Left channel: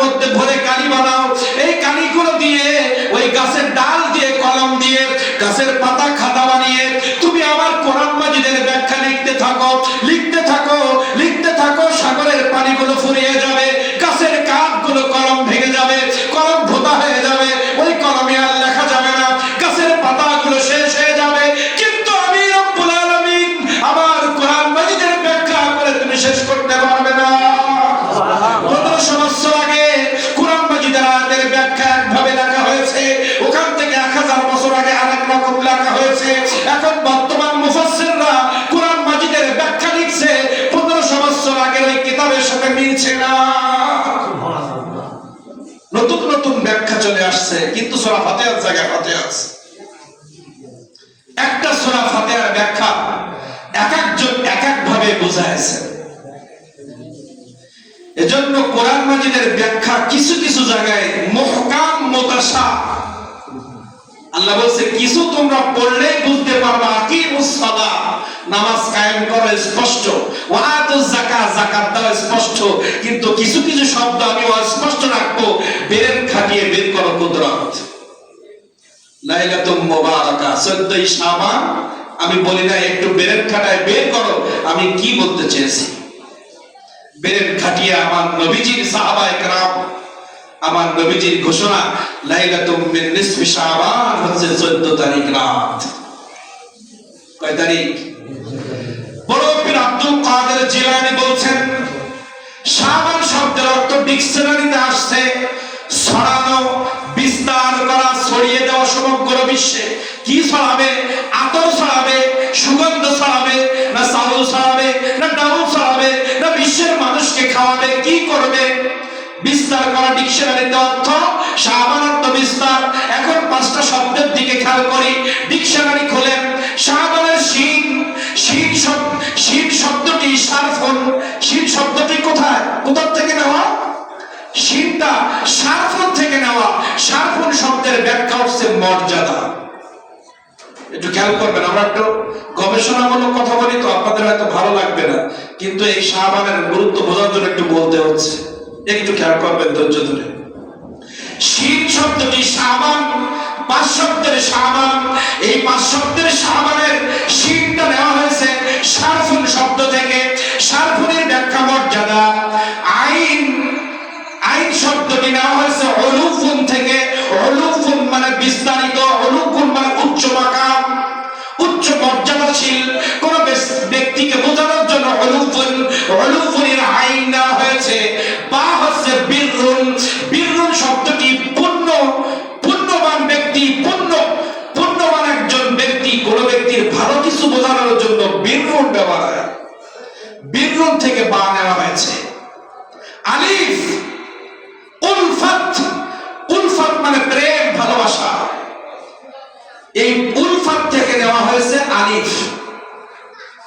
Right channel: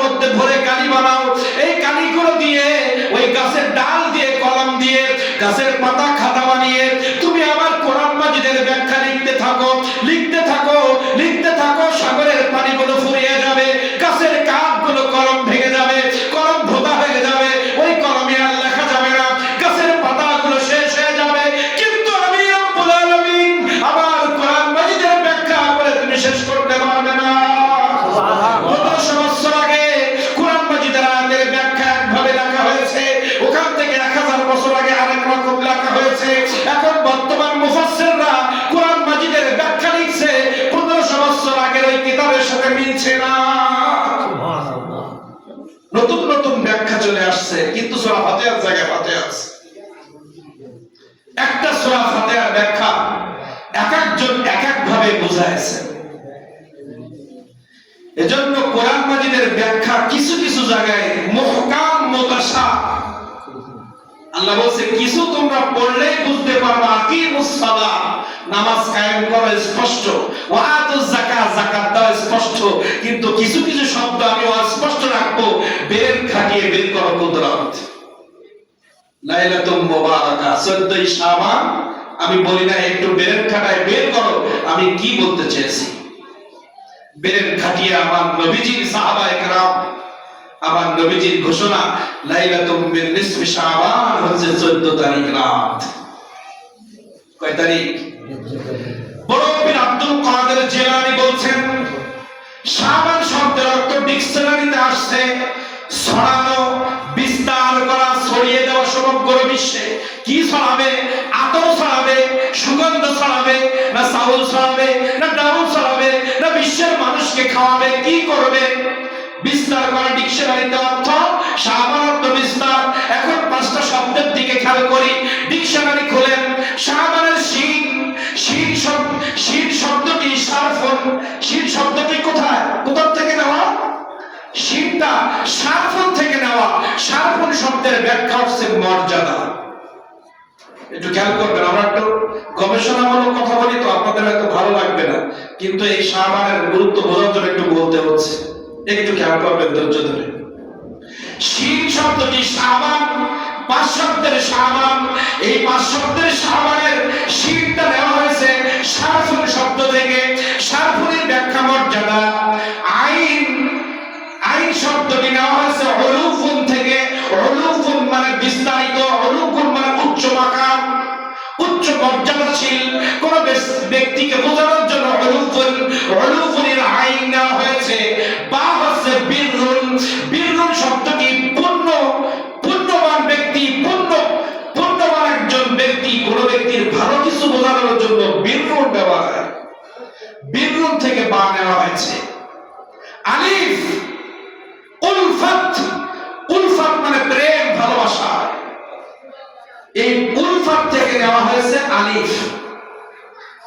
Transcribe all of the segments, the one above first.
মধ্যে ভরে কালি বানাও, এই কালিগুলো দিয়ে ওই গাছের ডাল দিয়ে কলম দিয়ে গাছের পাতা খাতা বানিয়ে তুমি আমার কোরআন মাজিদের ব্যাখ্যা লিখতে থাকো, লিখতে থাকো, লিখতে থাকো। সাগরের পানিগুলো ফুরিয়ে যাবে, গাছের কাঠগুলো কলম ভেঙে যাবে, কলম ভোতা হয়ে যাবে, ওই কলমে আর লেখা যাবে না, গাছের পাতাগুলো শেষ হয়ে যাবে, কিন্তু আমি রব্বুল আলামিন আমার কোরআন মাজিদের ব্যাখ্যা করে তুমি শেষ করতে পারবে না। 1500 বছর আগে কোরআন মাজিদের আয়াতের ব্যাখ্যা একভাবে লেখা হয়েছে, ওখান থেকে 1000 বছর আগে আরেক রকম লেখা হয়েছে। এখন বর্তমান মুফাসসিররা কোরআন মাজিদের ব্যাখ্যা লিখছে 1500 বছর আগের ওই কিতাবের সাথে মিলছে না। নতুন নতুন ব্যাখ্যা চলে আসছে, কিন্তু সূরা ফাতিহার জায়গায় ফাতিহা আছে। একটা সূরা ফাতিহার ব্যাখ্যা এক একজন এক এক ভাবে বুঝাইছে। এজন্য কোরআন মাজিদের ব্যাখ্যা কিছু কিছু জায়গায় মুহকাম মুতাশা, আল্লাহ বলছে কিছু তোমরা পড়লেই বুঝতে পারবা, আকিমুস সালাহ নামাজ কায়েম করা স্পষ্ট, ওয়া আতুজ যাকাত যাকাত দাও স্পষ্ট, কিন্তু কিছু কিছু শব্দ আমি অস্পষ্ট রাখবো, বের খাটিয়ে বের করো কুদরত। লাইলাতুল মুবারাকা 14 শাবান, আমি বলি না একটু বের খাটায় বের করো, আমি কি বলতে চেয়েছি। বের খাটিয়ে আমার নবীজির সাহাবায়ে কেরাম, আমার নবীজির ঘোষণা লাইলাতুম মিন নিসফি শাবান হচ্ছে 14 তারিখ রাত। কয় তারিখ? বড় পীর আব্দুল কাদের জিলানী বলছেন শাবান শব্দের অর্থ ডিকশনারিতে আসছে ছড়ানো, বিস্তার করা, ছড়িয়ে দেওয়া সমগ্র বিশ্বে। কি ছড়াবে? আতর ছড়াবে, সুগন্ধ ছড়াবে, না চাউল ছড়াবে, না ডাউল ছড়াবে, না বিশ্বের মানুষকে খাওয়াবে, কি করবে? বিস্তার করা ডিকশনারিতে অর্থ শাবান অর্থ বিস্তার। এখন 5টা শব্দের দিকে খেয়াল করি, ডিকশনারি খোলেন। শাবানের শিন, শিন শব্দ, শিন শব্দটি সারফুন, শিন শব্দটি কোথায়, কোথা থেকে নেওয়া? শিনটা সারফুন থেকে নেওয়া। সারফুন শব্দের ব্যাখ্যা হচ্ছে মর্যাদা। একটু খেয়াল করবেন, আমরা একটু গবেষণামূলক কথা বলি তো আপনাদের হয়তো ভালো লাগবে না, কিন্তু এই শাবানের গুরুত্ব বোঝার জন্য একটু বলতে হচ্ছে, একটু খেয়াল করবেন ধৈর্য ধরে। শিন শব্দটি শাবান, 5 শব্দের শাবান, এই 5 শব্দের শাবানের শিনটা নেওয়া হয়েছে সারফুন শব্দ থেকে। সারফুনের ব্যাখ্যা মর্যাদা। আইন, আইন শব্দটি নেওয়া হয়েছে উলুফুন থেকে। উলুফুন মানে বিস্তারিত, উলুফুন মানে উচ্চ মাকাম, উচ্চ মর্যাদাশীল কোন ব্যক্তিকে বোঝানোর জন্য উলুফুন, উলুফুনের আইন নেওয়া হয়েছে। বা হচ্ছে বিররুন, বিররুন শব্দটি পূর্ণ, পূর্ণবান ব্যক্তি, পূর্ণবান একজন ব্যক্তি, কোন ব্যক্তির ভালো কিছু বোঝানোর জন্য বিররুন ব্যবহার হয়, বিররুন থেকে বা নেওয়া হয়েছে। আলিফ, উলফাত, উলফাত মানে প্রেম, ভালোবাসা, এই উলফাত থেকে নেওয়া হয়েছে আলিফ।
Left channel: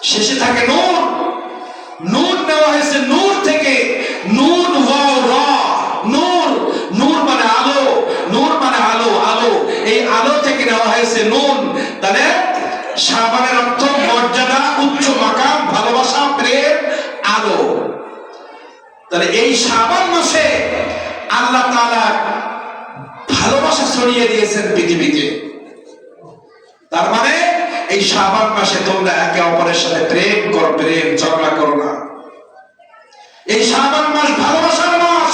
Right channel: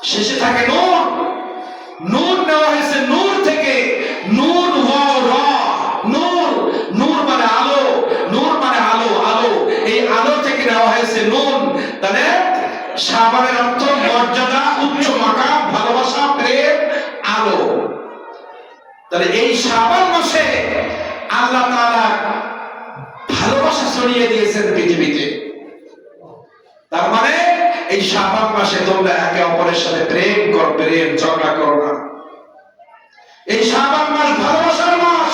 শেষে থাকে নূর, নূর নেওয়া হয়েছে নূর থেকে, নূর ওয়াও রা, নূর, নূর মানে আলো, নূর মানে আলো, আলো, এই আলো থেকে নেওয়া হয়েছে নুন। তাহলে শাবানের অর্থ মর্যাদা, উচ্চ মাকাম, ভালোবাসা, প্রেম, আলো। তাহলে এই শাবান মাসে আল্লাহ তাআলা ভালোবাসা ছড়িয়ে দিয়েছেন পৃথিবীতে। তার মানে এই শাবান মাসে তোমরা একে অপরের সাথে প্রেম করো, প্রেম, ঝগড়া করো না। এই শাবান মাস ভালোবাসার মাস,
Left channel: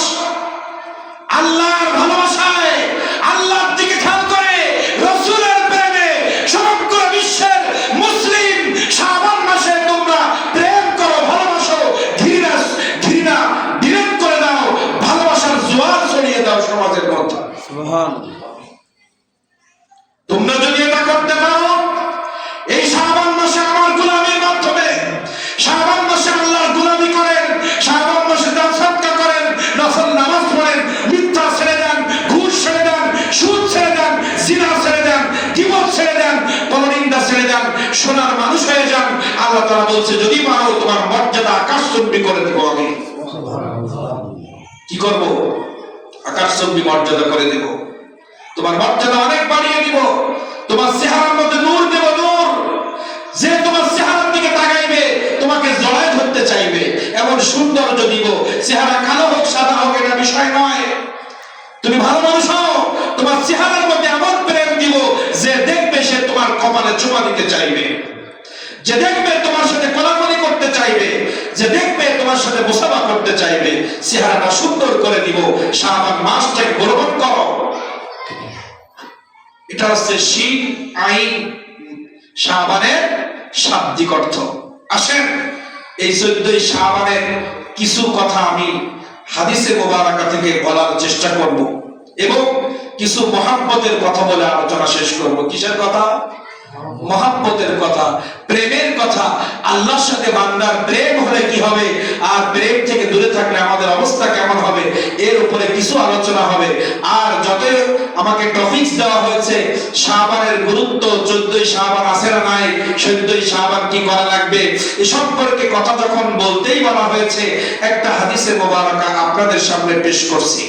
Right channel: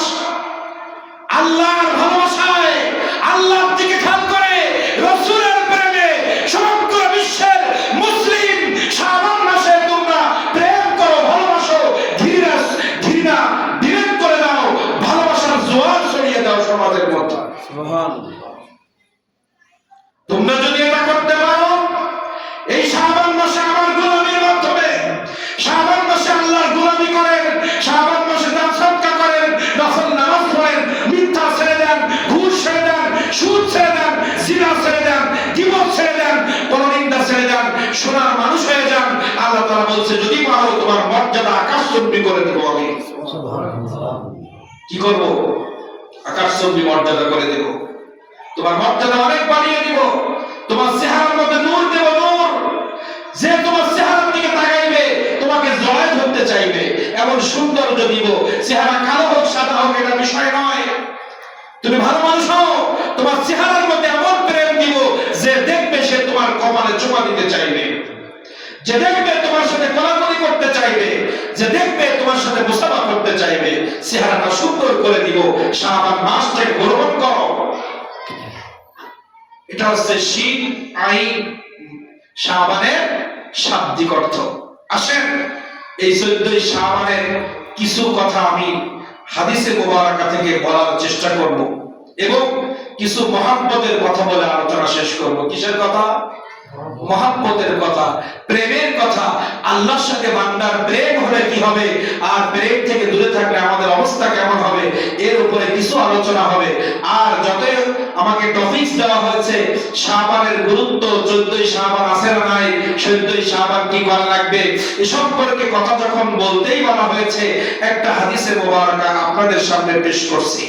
আল্লাহর ভালোবাসায়, আল্লাহর দিকে খেয়াল করে, রাসূলের প্রেমে সমগ্র বিশ্বের মুসলিম শাবান মাসে তোমরা প্রেম করো, ভালোবাসো, ঘৃণা ঘৃণা বিলীন করে দাও, ভালোবাসার জোয়ার ছড়িয়ে দাও সমাজের মধ্যে। সুবহানাল্লাহ। তোমরা যদি এটা করতে পারো, এই শাবান মাসে আমার গোলামির মাধ্যমে, শাবান মাসে আল্লাহর গোলামি করেন, শাবান মাসে দান সদকা করেন, নফল নামাজ পড়েন, মিথ্যা ছেড়ে দেন, ঘুষ ছেড়ে দেন, সুদ ছেড়ে দেন, জিনা ছেড়ে দেন, গীবত ছেড়ে দেন, পরনিন্দা ছেড়ে দেন, সোনার মানুষ হয়ে যান। আল্লাহ তাআলা বলছে যদি পারো তোমার মর্যাদা আকাশচুম্বী করে দেব আমি। সুবহানাল্লাহ। কি করব? আকাশচুম্বী মর্যাদা করে দেব, তোমার মর্যাদা অনেক বাড়িয়ে দিব, তোমার চেহারার মধ্যে নূর দেব, নূর। যে তোমার চেহারার দিকে তাকাইবে তোমাকে জড়ায় ধরতে চাইবে, এমন সৌন্দর্য দিব। চেহারা কালো হোক সাদা হোক এটা বিষয় নয়, তুমি ভালো মানুষ হও, তোমার চেহারার মধ্যে এমন প্রেম দিব যে দেখবে সে তোমার কপালে চুমা দিতে চাইবে, যে দেখবে তোমার সাথে কোলাকুলি করতে চাইবে, যে দেখবে তোমার সাথে মুসাফা করতে চাইবে। চেহারাটা সুন্দর করে দিব, শাবান মাসটাকে গ্রহণ করো। এটা হচ্ছে শীত আইন শাবানের শাব্দিক অর্থ। আসেন এই 14 শাবানের কিছু কথা আমি হাদিসে মোবারকা থেকে বলার চেষ্টা করব এবং কিছু মহাব্বতের কথা বলে আলোচনা শেষ করব। কিসের কথা? মহাব্বতের কথা, প্রেমের কথা। আল্লাহর সাথে বান্দার প্রেম হলে কি হবে, আর প্রেম থেকে দূরে থাকলে আমাদের অবস্থা কেমন হবে, এর উপরে কিছু আলোচনা হবে। আর যতই আমাকে টপিকস দেওয়া হয়েছে, শাবানের গুরুত্ব, 14 শাবান আছে না নাই, 14 শাবান কি করা লাগবে, এ সম্পর্কে কথা যখন বলতেই বলা হয়েছে, একটা হাদিসে মোবারকা আপনাদের সামনে পেশ করছি।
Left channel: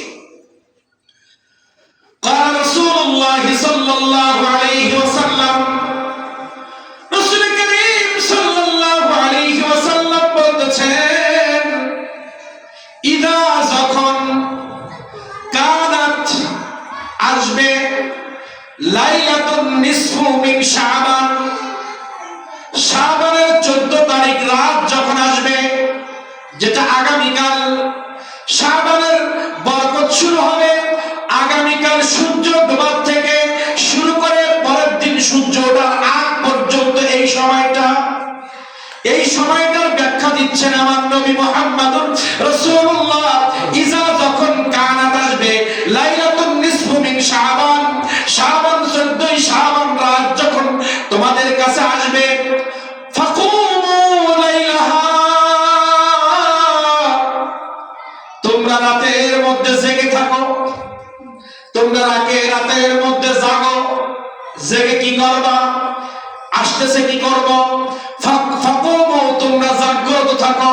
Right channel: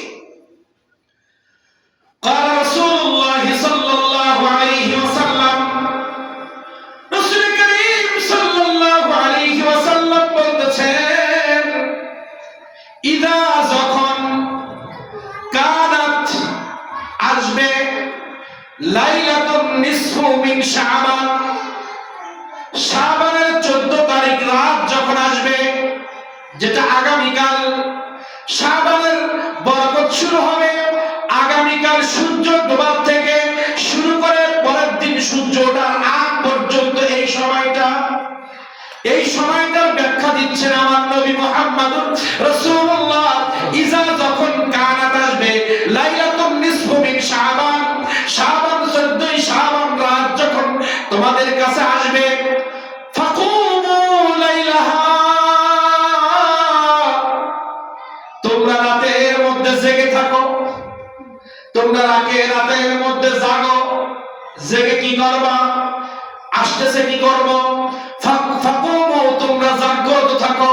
قال رسول الله صلى الله عليه وسلم, রাসূল করিম সাল্লাল্লাহু আলাইহি ওয়াসাল্লাম বলতেছেন, ইদা যখন কানাত আসবে লাইলাতুন নিসফু মিন শাবান, শাবানের 14 তারিখ রাত যখন আসবে, যেটা আগামীকাল, শাবানের বরকত শুরু হবে আগামীকাল সূর্য ডোবার থেকে শুরু করে পরের দিন সূর্য ওঠার আগ পর্যন্ত। এই সময়টার ব্যাখ্যা দিচ্ছেন আমার নবী মুহাম্মদুর রাসূলুল্লাহ। ইজা যখন কানাত আসবে লাইলাতুন নিসফু মিন শাবান, শাবান 14 শাবান রাত যখন তোমাদের কাছে আসবে, ফাকুমু লাইলাহা, তোমরা রাতের মধ্যে জেগে থাকো, তোমরা রাতের মধ্যে জাগো। জেগে কি করবা? আসতেছে কি করব? ফাকুমু, তোমরা জাগ্রত থাকো,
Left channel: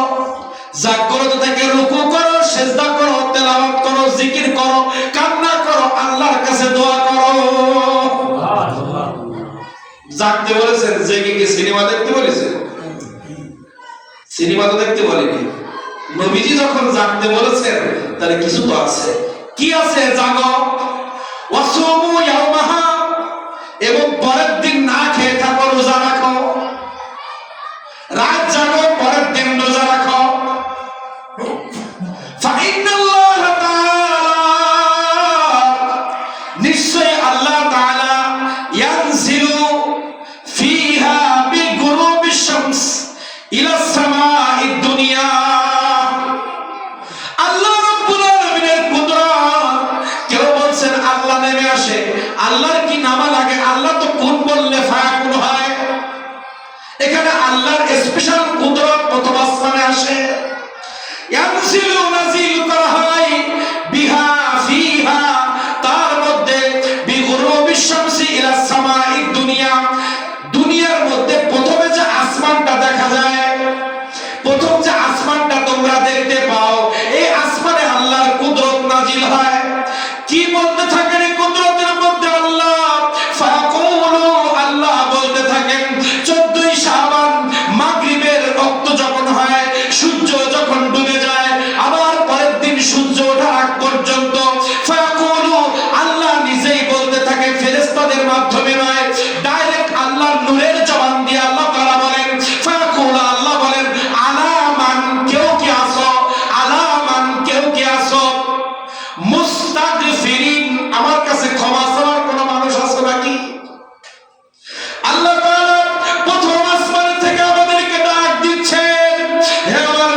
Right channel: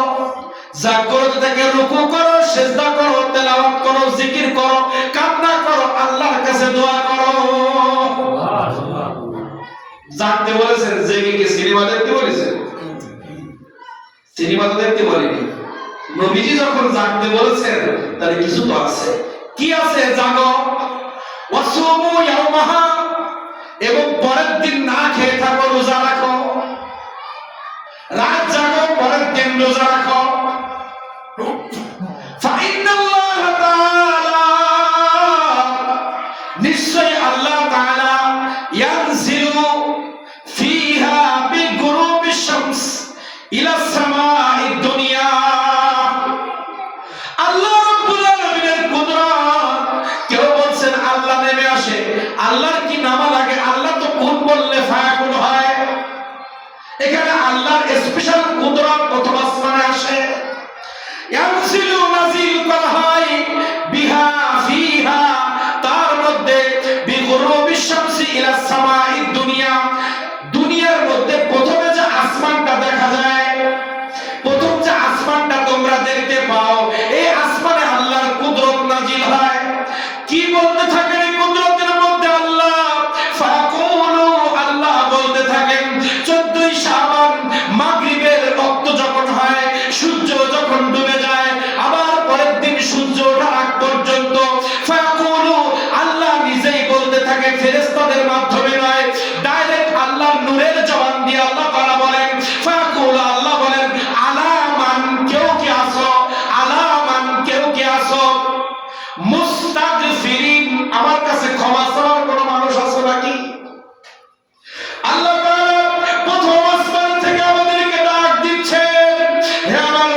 জাগ্রত থেকে রুকু করো, সিজদা করো, তেলাওয়াত করো, জিকির করো, কান্না করো, আল্লাহর কাছে দোয়া করো। জাগতে বলেছেন, জেগে কি সিনেমা দেখতে বলেছেন? সিনেমা তো দেখতে বলেনি। নবীজি যখন জাগতে বলেছেন তাহলে কিছু তো আছে। কি আছে? জাগো, ওয়াসুমু ইয়াওমাহা, এবং পরের দিন না খেয়ে থাকো, রোজা রাখো। রাত জাগো, পরের দিন রোজা রাখো। ফাইন্নাল্লাহা তাআলা, নিশ্চয় আল্লাহ তাআলা, ইয়ানজিলু ফিহা বিগুরুবিশ শামস ইলা সামাঈদ দুনিয়া, আল্লাহ রাব্বুল আলামিনের কুদরত। কেউ বলছেন আল্লাহ নেমে আসে, আল্লাহর কি নামা লাগে? আল্লাহ তো কুন বললে ফায়াকুন হয়। এখানে আল্লাহর স্পেশাল কুদরত প্রথম আসমানে আসে। ইয়ানজিলু, নাজিল করা হয়, বিহা ফিহা, তার মধ্যে, বিগুরুবিশ শামসি ইলা সামাঈদ দুনিয়া, দুনিয়ার মধ্যে প্রথমে যে আসমানটা দেখা যায়, প্রথম যে আসমানটা তোমরা দেখতে পাও, এই আসমানে আল্লাহর কুদরত নাজিল হয়। কি বলতে থাকেন এই কুদরতের মধ্যে? আল্লাহ ফায়াকুলু, আল্লাহ বলতে থাকেন 14 শাবান মাগরিবের রক্ত যখন হয়, সূর্য যখন ডুবে যায়, আবার পরের দিন সূর্য ওঠার আগ পর্যন্ত, ফায়াকুলু, আল্লাহ নিজেই বলতে থাকে, ফেরেশতাদের মাধ্যমে নয়, ডাইরেক্ট আল্লাহর নূরের জবান দিয়ে আল্লাহ তাআলা বলেন, ফায়াকুলু, আল্লাহ বলেন, আলামান, কেউ কি আসো, আলামান, কেউ কি আসো, মুস্তাগফিরিন, আমার কাছে ক্ষমা চাওয়ার কোন মানুষ আছে নাকি? আল্লাহ তাআলা প্রথম আসমান থেকে আমাদেরকে ডাক দিচ্ছেন, হে আমার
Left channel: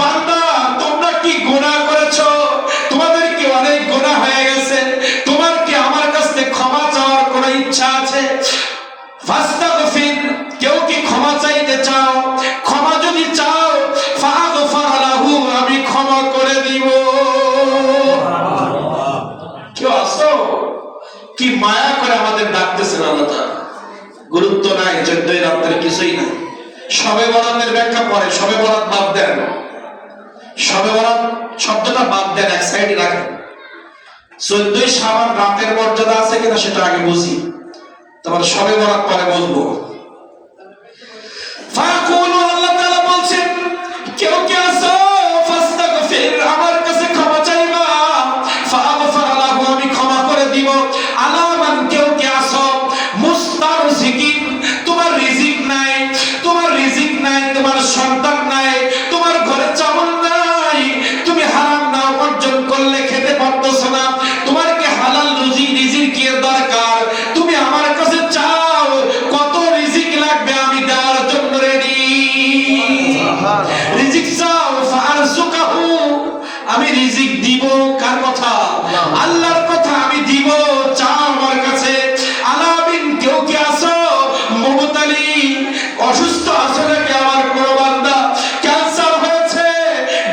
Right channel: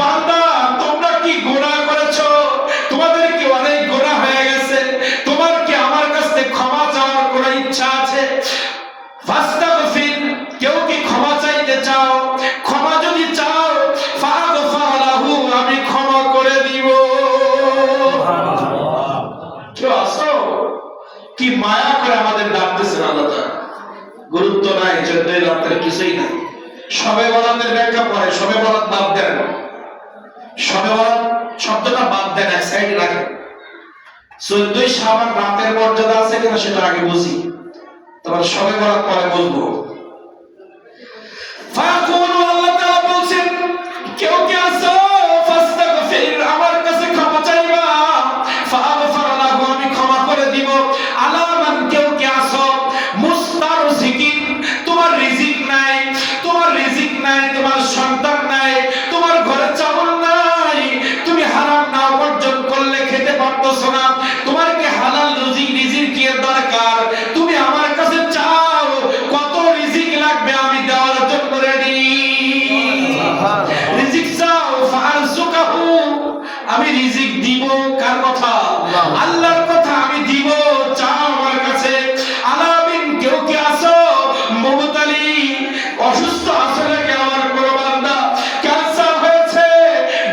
বান্দা, তোমরা কি গুনাহ করেছো? তোমাদের কি অনেক গুনাহ হয়ে গেছে? তোমার কি আমার কাছে ক্ষমা চাওয়ার কোন ইচ্ছা আছে? ফাস্তাগফির, কেউ কি ক্ষমা চাইতে চাও? ক্ষমা যদি চাও, ফাগফার লাহু, আমি ক্ষমা করে দিব। কেউ আসো? কি মায়া করে আমাদের ডাকতেছেন আল্লাহ তাআলা। গুরুত্ব নাই, 14 রাতের কিছুই নাই। শবে বরাতের ব্যাখ্যা পরে, শবে বরাত বাদ দেন, শবে বরাত শব্দটা বাদ দেন, এক সাইডে রাখেন। 14 শাবান রাতের মর্যাদা আছে কিনা সেটা আগে বুঝি, তারপর শবে বরাত পরে বুঝবো। ফায়াকুলু, আল্লাহ তাআলা বলছেন, কেউ কি আসো, ফাস্তাগফির, আমার কাছে ক্ষমা চাইবা, ফাগফার লাহু, আল্লাহর কথা আমি দিব, চাও আমার কাছে। আলামিন কেউ কি আছো মুবতালি, অসুস্থ আছো নাকি আমার কোনো বান্দা? ক্যান্সার হয়েছে,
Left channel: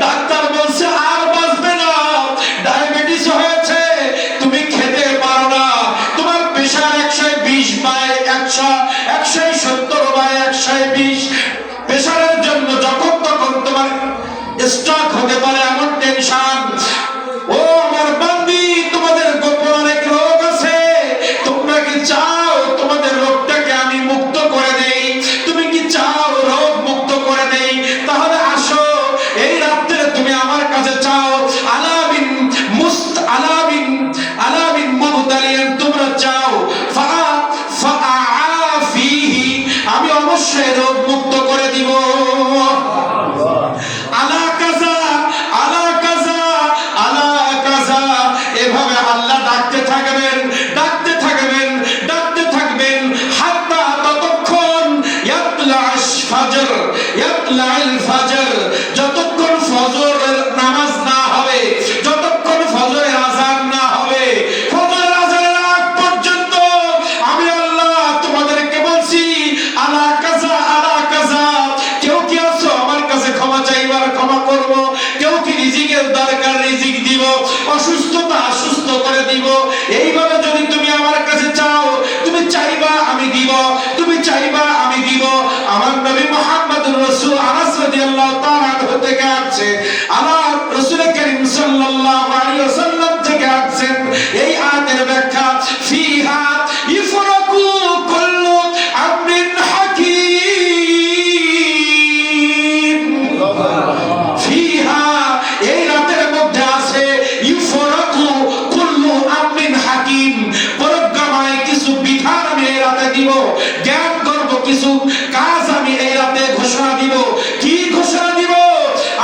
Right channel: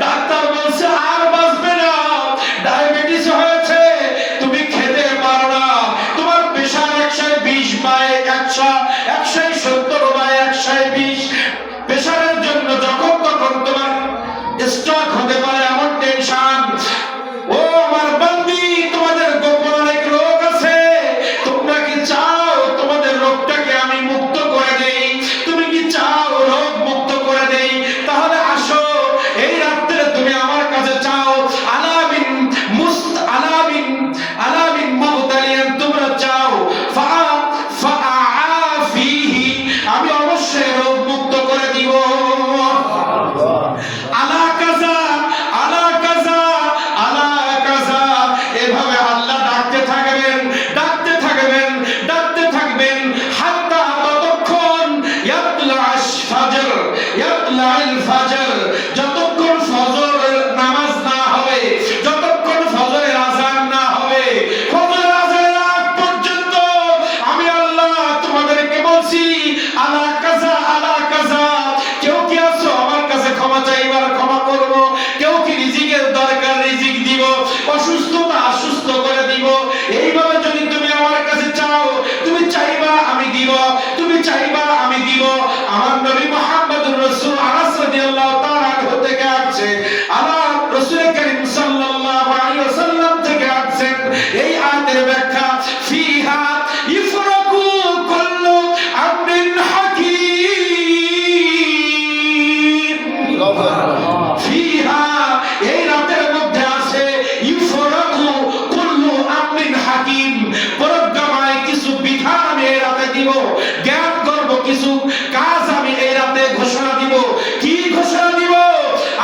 ডাক্তার বলছে আর বাঁচবে না। ডায়াবেটিস হয়েছে, তুমি খেতে পারো না। তোমার প্রেশার 120/170/120। প্রেশারের জন্য যখন তখন তোমার স্ট্রোক হতে পারে, এমন টেনশন। ও আমার বান্দি, তোমাদের গোপন অনেক রোগ আছে। তোমরা কি চাও তোমাদের রোগটাকে আমি মুক্ত করে দেই? তুমি কি চাও রোগ মুক্ত করে দেই? তাহলে আসো, এই রাত্রে তুমি আমার কাছে চাও। আলামিন মুবতালিয়ান, তোমরা চাও ফাআফিহি, আমি অবশ্যই রোগ মুক্ত করে দিব। আলা কাজা আলা কাজা আলা কাজা, এভাবে আল্লাহ ডাকতে থাকবেন, ডাকতে থাকবেন, ডাকতে থাকবেন, হাত্তা ততক্ষণ ইয়াতলা'আশ ফাজর, ইয়াতলা'আল ফাজর, যতক্ষণ ফজর নামাজ না হবে, যতক্ষণ ফজরের আযান না হবে, ফজরের আযানের আগ পর্যন্ত আমি আল্লাহ তোমাদেরকে বলছি আলা কাজা আলা কাজা। কেউ কি আছো আমার কাছে ক্ষমা চাইবার, ক্ষমা করব। কেউ কি রিজিকের দরকার, রিজিক দিব। অসুস্থতা সুস্থ করে দিব। এইভাবে যদি তুমি আমার কাছে চাও, তুমি চাইবা আমি দিব, তুমি চাইবা আমি দিব। আমার নবী মুহাম্মদুর রাসূল আনাস রাদিয়াল্লাহু তাআলা আনহু থেকে আসছে, আল্লাহ রাসূল করিম সাল্লাল্লাহু আলাইহি ওয়াসাল্লাম থেকে আসছেন এই আয়াতের ব্যাখ্যা, ফিহা ইফরাকু কুল্লু আমরিন হাকীম। ফিহা, এই রাতের মধ্যে আছে ইফরাকু কুল্লু আমরিন হাকীম, পরোক্ষমায় কিছু বিধান আমি এই রাতে দিব, জ্ঞান করব, কিছু কাজ আমি এই রাতে ঘোষণা দিব। কি ঘোষণা দিব?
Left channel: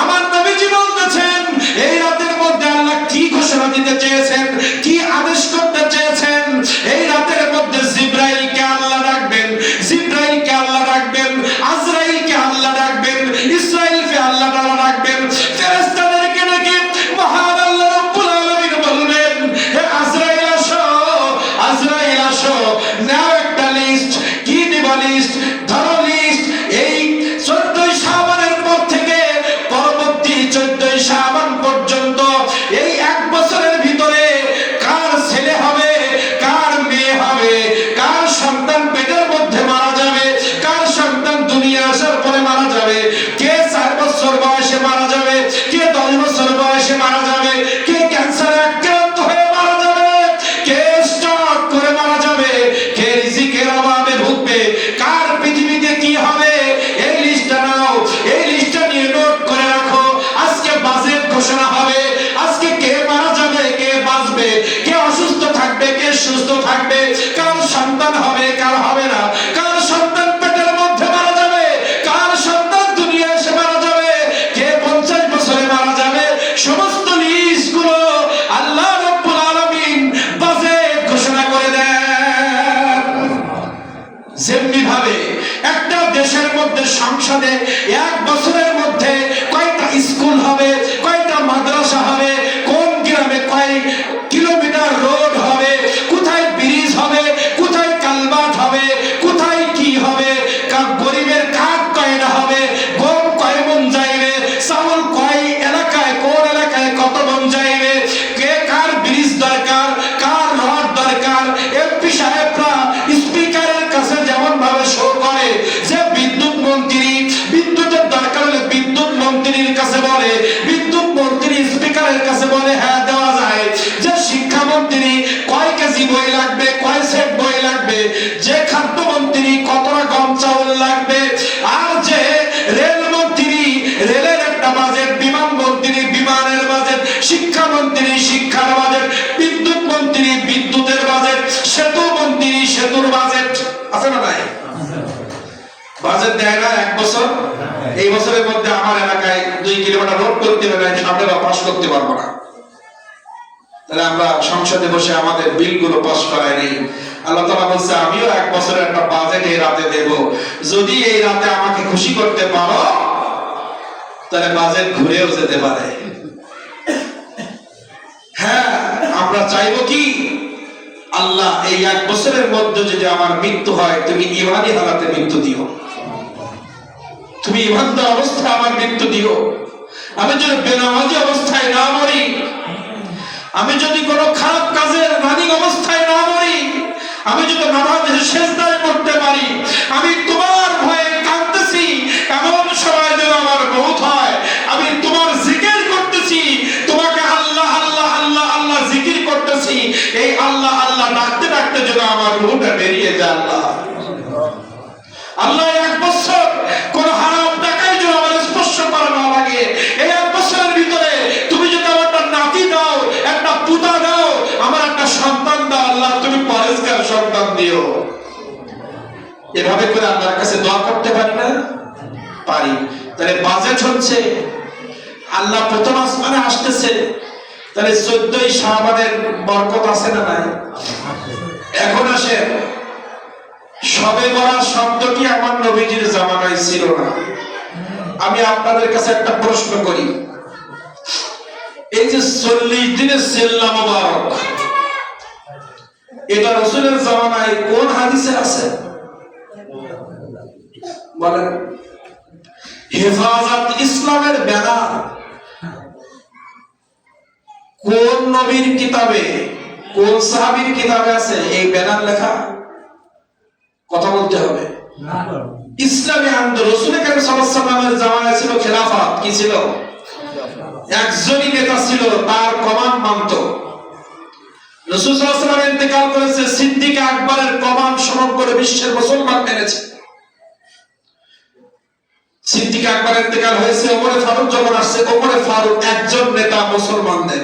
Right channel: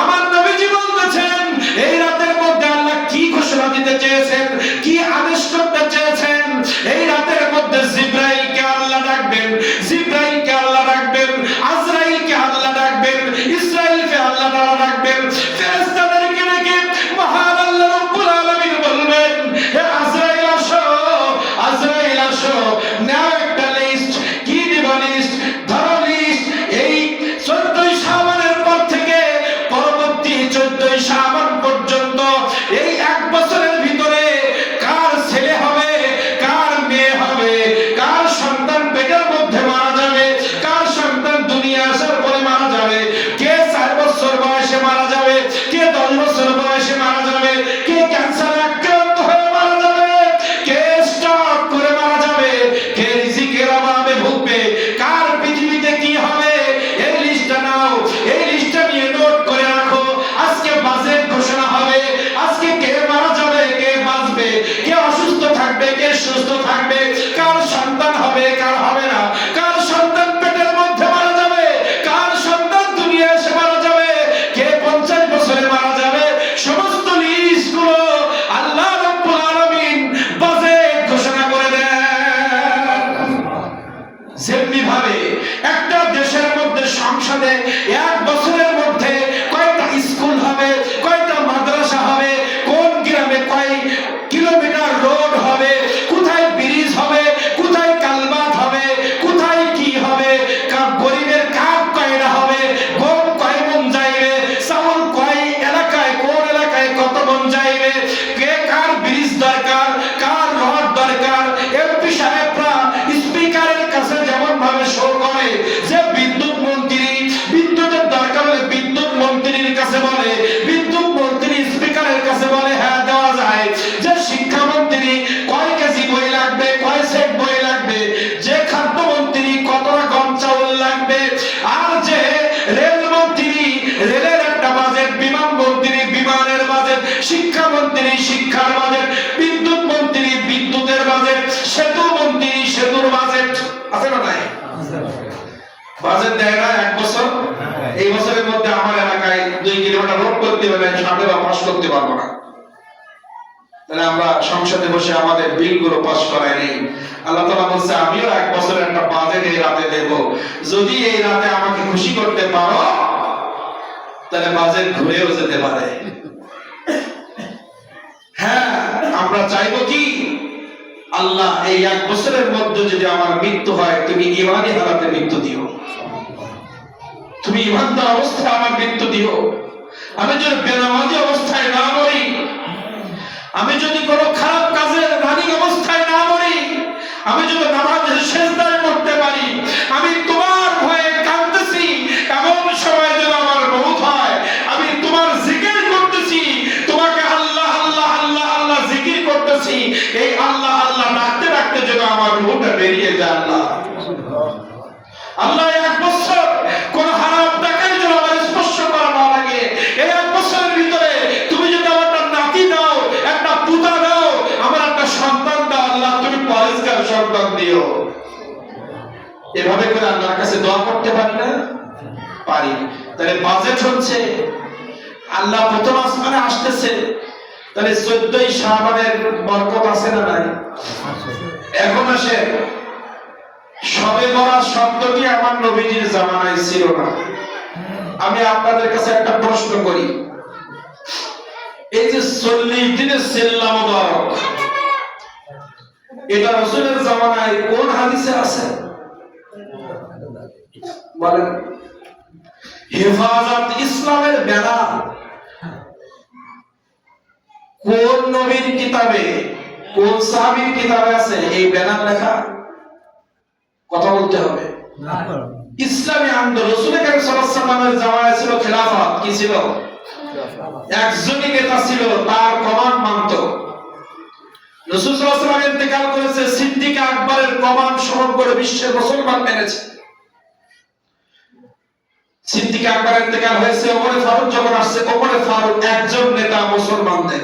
আমার নবীজি বলতেছেন এই রাতের মধ্যে আল্লাহ কি ঘোষণা দিতে চেয়েছেন, কি আদেশ করতে চেয়েছেন। এই রাতের মধ্যে জিবরাইলকে আল্লাহ ডাকবেন, জিবরাইলকে আল্লাহ ডাকবেন, আজরাইলকে আল্লাহ ডাকবেন, ইসরাইলকে আল্লাহ তাআলা ডাকবেন। ফেরেশতাদেরকে ডেকে মহান আল্লাহ রাব্বুল আলামিন বলবেন, হে আজরাইল আসো, আজরাইল আসো, নাও একটা লিস্ট। কি দিবা লিস্ট? ধরো লিস্ট। এই 14 শাবানের পর থেকে পরবর্তী 14 শাবান পর্যন্ত এই এক বছরের ভিতরে কার ছেলে হবে, কার মেয়ে হবে, কার সন্তান পেটের মধ্যে মারা যাবে, কার সন্তান দুনিয়া আসার পরে মারা যাবে, কে 4 বছর বয়সে মারা যাবে, কে 10 বছর বয়সে মারা যাবে, কে ক্যান্সারে আক্রান্ত হয়ে মারা যাবে, কে স্ট্রোক করে মারা যাবে, কে রিজিকের অভাবে ভুগবে, কার পৃথিবীতে কি হবে। এই লিস্টটা নাও, এই লিস্টটা নিয়ে নোট করে রাখো। আজকে বাজেট ঘোষণা হবে, আজকে কে মারা যাবে, কে বাঁচবে, কে অসুস্থ থাকবে, কে সুস্থ থাকবে, কার সন্তান হবে, কার হবে না, কার সন্তান পেটের মধ্যে মারা যাবে, কার সন্তান দুনিয়া এসে মারা যাবে, কে 50 বছরে মারা যাবে। সমস্ত লিস্টগুলো আল্লাহ রাব্বুল আলামিন বাজেট ঘোষণা করে দেন। যেমনি ভাবে একটা দেশের মধ্যে সংসদে 1 বছরের মধ্যে কয়টা স্কুল হবে, কয়টা মাদ্রাসা হবে, কোন গ্রামে কয় কিলোমিটার রোড হবে, কোথায় ব্রিজ হবে, কোথায় কালভার্ট হবে, কোথায় কি হবে, গরিবের কার্ড কয়টা হবে, গম কয় মন যাইবে, চাউল কয় এলাকায়, কোন এলাকায় কত মন যাইবে, কে কার ব্রিজ দরকার, কার রড দরকার। এমপি সাহেবরা স্পিকারের কাছে যেমন ভাবে শো করে যে বিদ্যুৎ মন্ত্রী, বিদ্যুতের দরকার হলে বিদ্যুৎ মন্ত্রীর কাছে বলে, বিদ্যুৎ মন্ত্রী স্পিকারের কাছে বলে হ্যাঁ দেওয়া যায়। যে শিক্ষামন্ত্রী কয় কেজি বই লাগবে, কয় সেট বই লাগবে, যে খাদ্যমন্ত্রী কতটা গম চাউল লাগবে, আর যে রেলমন্ত্রী রেলের একটা বাজেট, বিমান মন্ত্রী বিমানের বাজেট, শিক্ষামন্ত্রী শিক্ষার বাজেট, বিদ্যুৎ মন্ত্রী বিদ্যুতের বাজেট, সেতু মন্ত্রী সেতুর বাজেট। আছে না নাই? বাজেট দেয় না 1 বছর। এই বছরের মধ্যে আমার এলাকায় 2 কিলোমিটার রোড করতে হবে, সামনে বা পাস করতে পারবো না। তাহলে আমরা সংসদে বসে আমাদের বিলগুলো পাস করাইনি। আল্লাহ তাআলা বলছে আমিও 1 বছরের একটা বাজেট এই রাতে দেব। যদি এই রাতে আমাকে খুশি করতে পারো তাহলে বাজেট ঘুরেও যেতে পারে। হ্যাঁ, আমরা আমরা চাইবো কি, আল্লাহ এই 1 বছরের মধ্যে যদি আমার মৃত্যু হয়, তুমি ইমানি হালাতে মৃত্যু দিও, তুমি ইমানদার অবস্থায় আমার মৃত্যু দিও। আমি যদি বেনামাজি অবস্থায় না মরি, আমি যদি কোনো খারাপ কাজের রানিং অবস্থায় না মরি, আমি যদি নামাজের সেজদায় পড়তে পারি, আমি তোমার ভয়ে কাঁদতেছি এমন সময় যদি আমার মওত হয়, আমি তোমার জিকির করতেছি, তোমাকে আল্লাহ আল্লাহ আল্লাহ আল্লাহ জিকির করতেছি, এই আল্লাহ আল্লাহ ডাকতে ডাকতে যদি আমার রূহটা বেরিয়ে যায়, আল্লাহ আল্লাহ 1 বছর কোন হারাম টাকায় যদি আমার স্পর্শ করা না লাগে, এই 1 বছরের ভিতরে তুমি যদি আমার একটা নাতি দাও, একটা পুতা দাও, আমার একটা সন্তান দাও, আল্লাহ তুমি পরেশগার সন্তান দিও। এভাবে করে আল্লাহর কাছে দোয়া করতে পারি না? পারি। তাহলে বাজেট হচ্ছে, আল্লাহ প্রথম আসমানে আসতেছে, তাহলে 14ই শাবানের বরকত আছে না নাই? এখন আসে, শবে বরাত শব্দটি আমার নবীজির জামানায় ছিল না। আমি আপনাদের কাছে একটা প্রশ্ন করি, এই যে 40 দিনের সেল্লা মোবারক, এটা রাসূলের জামানায় কোন হাদিসে আছে বলেন? হেফাজত ইসলামের ব্যানার কোন নবীর কিতাবে, কোন সাহাবীর কিতাবে আছে এই ব্যানার লেখা? কথা বলতে হবে। ইসলামী আন্দোলন রাসূল করিম সাল্লাল্লাহু আলাইহি ওয়াসাল্লামের জামানায় ছিল খেলাফত, কি ছিল? একজনই নেতা ছিল, তার কমান্ড মানত। রাসূল সাল্লাল্লাহু আলাইহি ওয়াসাল্লাম ইন্তেকাল করেছে, সিদ্দিক আকবরের কমান্ড সমগ্র বিশ্বের মুসলমান মেনেছে। সিদ্দিক আকবর ইন্তেকাল হয়েছে, ওমর ফারুক যখন আসছে, ওমর ফারুক একজন নেতা মুসলমানদের।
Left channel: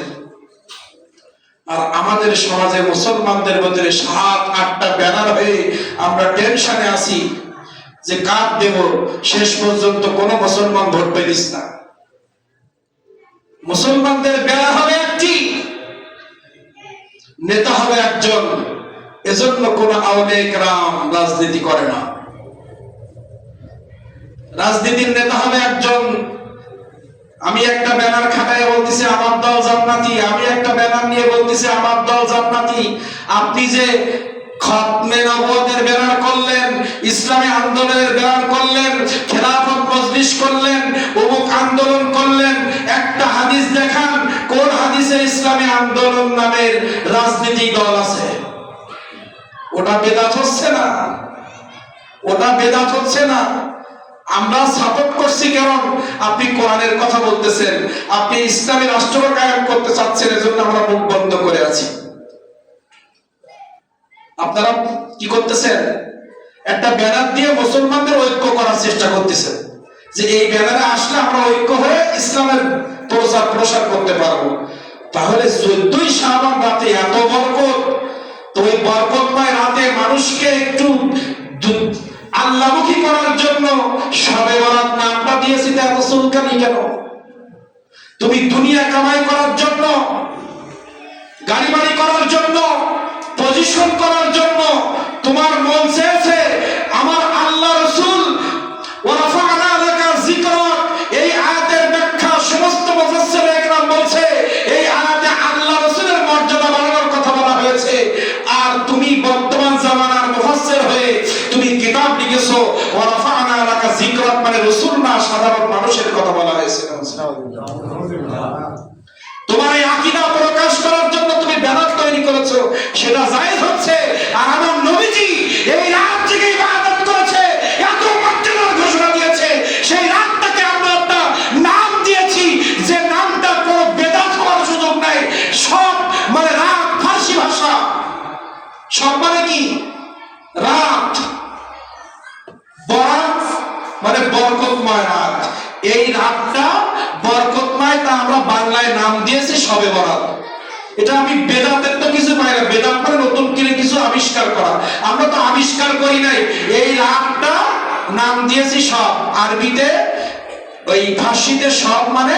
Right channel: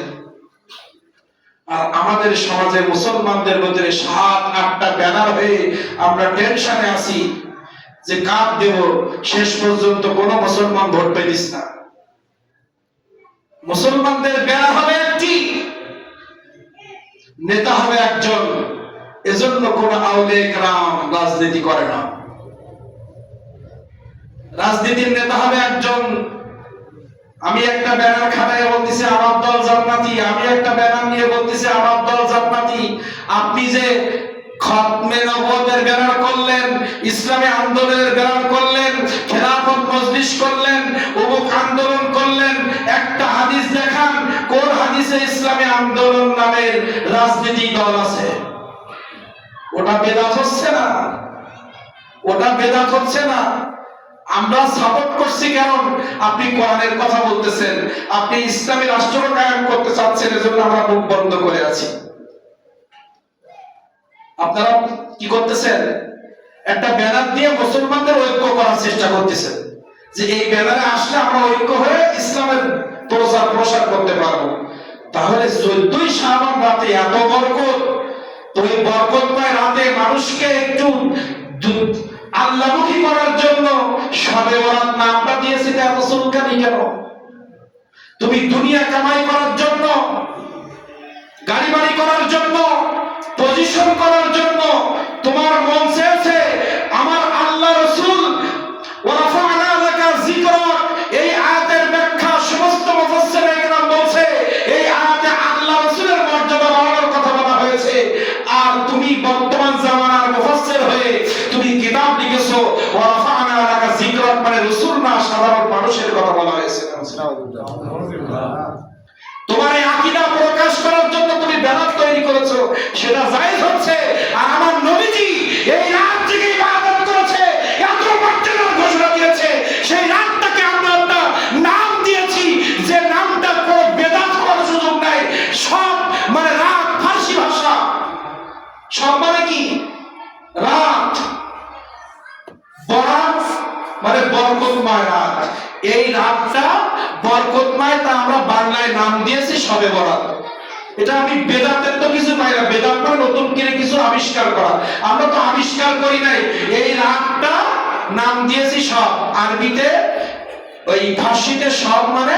আর আমাদের সমাজে মুসলমানদের মধ্যে 7-8টা ব্যানার হয়ে আমরা টেনশনে আছি যে কার দেব, শেষ পর্যন্ত কোন মুসলমান ভোট পেলিস না। মুসলমানদের ব্যানার হবে একটি, নেতা হবে একজন, এজন্য কোন আউলিয়া কেরাম রাজনীতি করে না। রাজনীতির নেতা হবে একজন। আমি একটা ব্যানার খাটায় বলতেছি আমার দল জান্নাতি, আমি একটা ব্যানার নিয়ে বলতেছি আমার দল জান্নাতি। আপনি যে খতমে নবুয়তের ব্যানার করলেন, ইসলামী আন্দোলনের ব্যানার করলেন, খেলাফত মজলিস করলেন, অমুক আন্দোলন করলেন, একটা হাদিস দেখান কোন হাদিসে ইসলামী আন্দোলন নামের রাজনৈতিক দল আছে? ওটা বেদাত হচ্ছে না? ওটা বেদাত হচ্ছে না? আমরা সাপোর্ট করছি কারণ আপনি কোরআনের কথা বলতেছেন, আপনি ইসলামী রাষ্ট্র কায়েম করতে চাচ্ছেন, এজন্য আমরা মুখ বন্ধ করে আছি। আপনারা কি করতেছেন? একটা ব্যানার দিয়ে মুসলমানদের ঐক্য করার চেষ্টা করতেছেন, যে এই ব্যানারে আসলে আমরা ঐক্য হয়ে ইসলামের প্রসার করতে পারবো। তাহলে 14ই শাবান রাতে এত বরকত, তো ওই বরকতময় রাতে মানুষকে একটু আল্লাহমুখী করার জন্য শবে বরাত নামটা দিয়েছি, এত চুলকানি কেন? তুমি দুনিয়া কামাই করার জন্য, গাড়ি বাড়ি করার জন্য, পজিশন করার জন্য তোমার মন চেয়েছে, আমার আল্লাহ রাসূল ওয়ারাফা'না লাকা যিকরাক, এই আয়াতের ব্যাখ্যা সমস্ত মুফাসসিরে ইকরাম বলছে এই আয়াতে আল্লাহ রাসূলের মর্যাদা বাড়ানোর কথা বলা হয়েছে। আর তুমি বর্তমান জামানার মুফাসসির হয়ে তুমি কিতাব লিখেছো ওয়ারাফা'না লাকা যিকরাক, মানে রাসূল না, সাধারণ মানুষের কথা বলা হয়েছে। তোমার এই আকীদা প্রকাশ করার জন্য তুমি ব্যানার তৈরি করেছো, সেটা জায়েজ হচ্ছে। আর আমার নবীজি এই রাত জেগে ইবাদত করেছে, এত মর্যাদার ঘোষণা দিয়েছে, সেই রাতটাকে আমরা একটা নাম দিয়েছি, যে নামটা কোনো বেদাত হওয়ার সুযোগ নাই। সব মানে রাত, ফার্সি ভাষা, সব মানে কি? রাত। বরাত মানে বরকতময় রাত। এই রাতটা বরকতময়, তা আমরা বাংলায় নাম দিয়েছি শবে বরাত। এটা আমি বেদাতের তো কিছু পাই না, বেদাত মানে নতুন করে কিছু আবিষ্কার করা, আমরা তো আবিষ্কার করি নাই। এই রাতটা নাম দিয়েছি সব, আরবিতে ওই ফার্সিতে সব মানে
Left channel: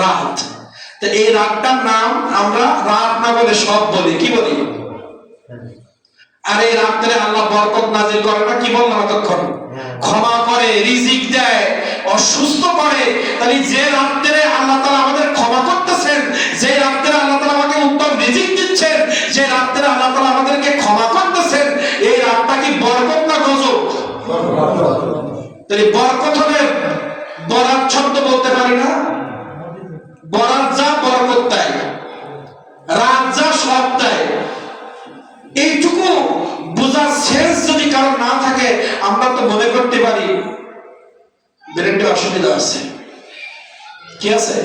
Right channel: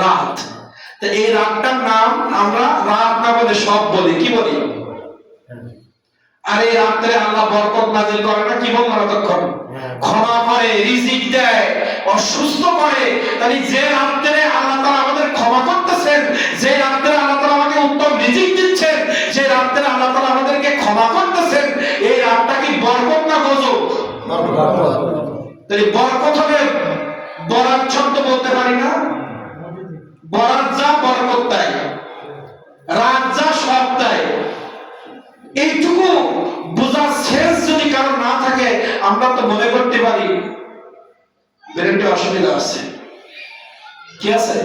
রাত। তো এই রাতটার নাম আমরা রাত না বলে সব বলি, কি বলি? আর এই রাত্রে আল্লাহ বরকত নাজিল করে না, কি বললাম তখন? ক্ষমা করে, রিজিক দেয়, অসুস্থ করে। তাহলে যে রাত্রে আল্লাহ তাআলা আমাদের ক্ষমা করতেছেন, যে রাত্রে আল্লাহ তাআলা আমাকে উত্তম রিজিক দিচ্ছেন, রাত্রে আল্লাহ তাআলা আমাদেরকে ক্ষমা করতেছেন, এই রাতটা কি বরকত না গজব? তাহলে বরকত হবে বরাত শব্দ বলতে পারি না? বরাত যা বরকত তাই, রাত যা সব তাই। এইটুকু বোঝার শেষ যদি কারণ না থাকে, আমরা তো মনে করতে পারি ব্রেনটা অসুবিধা আছে। কি আছে?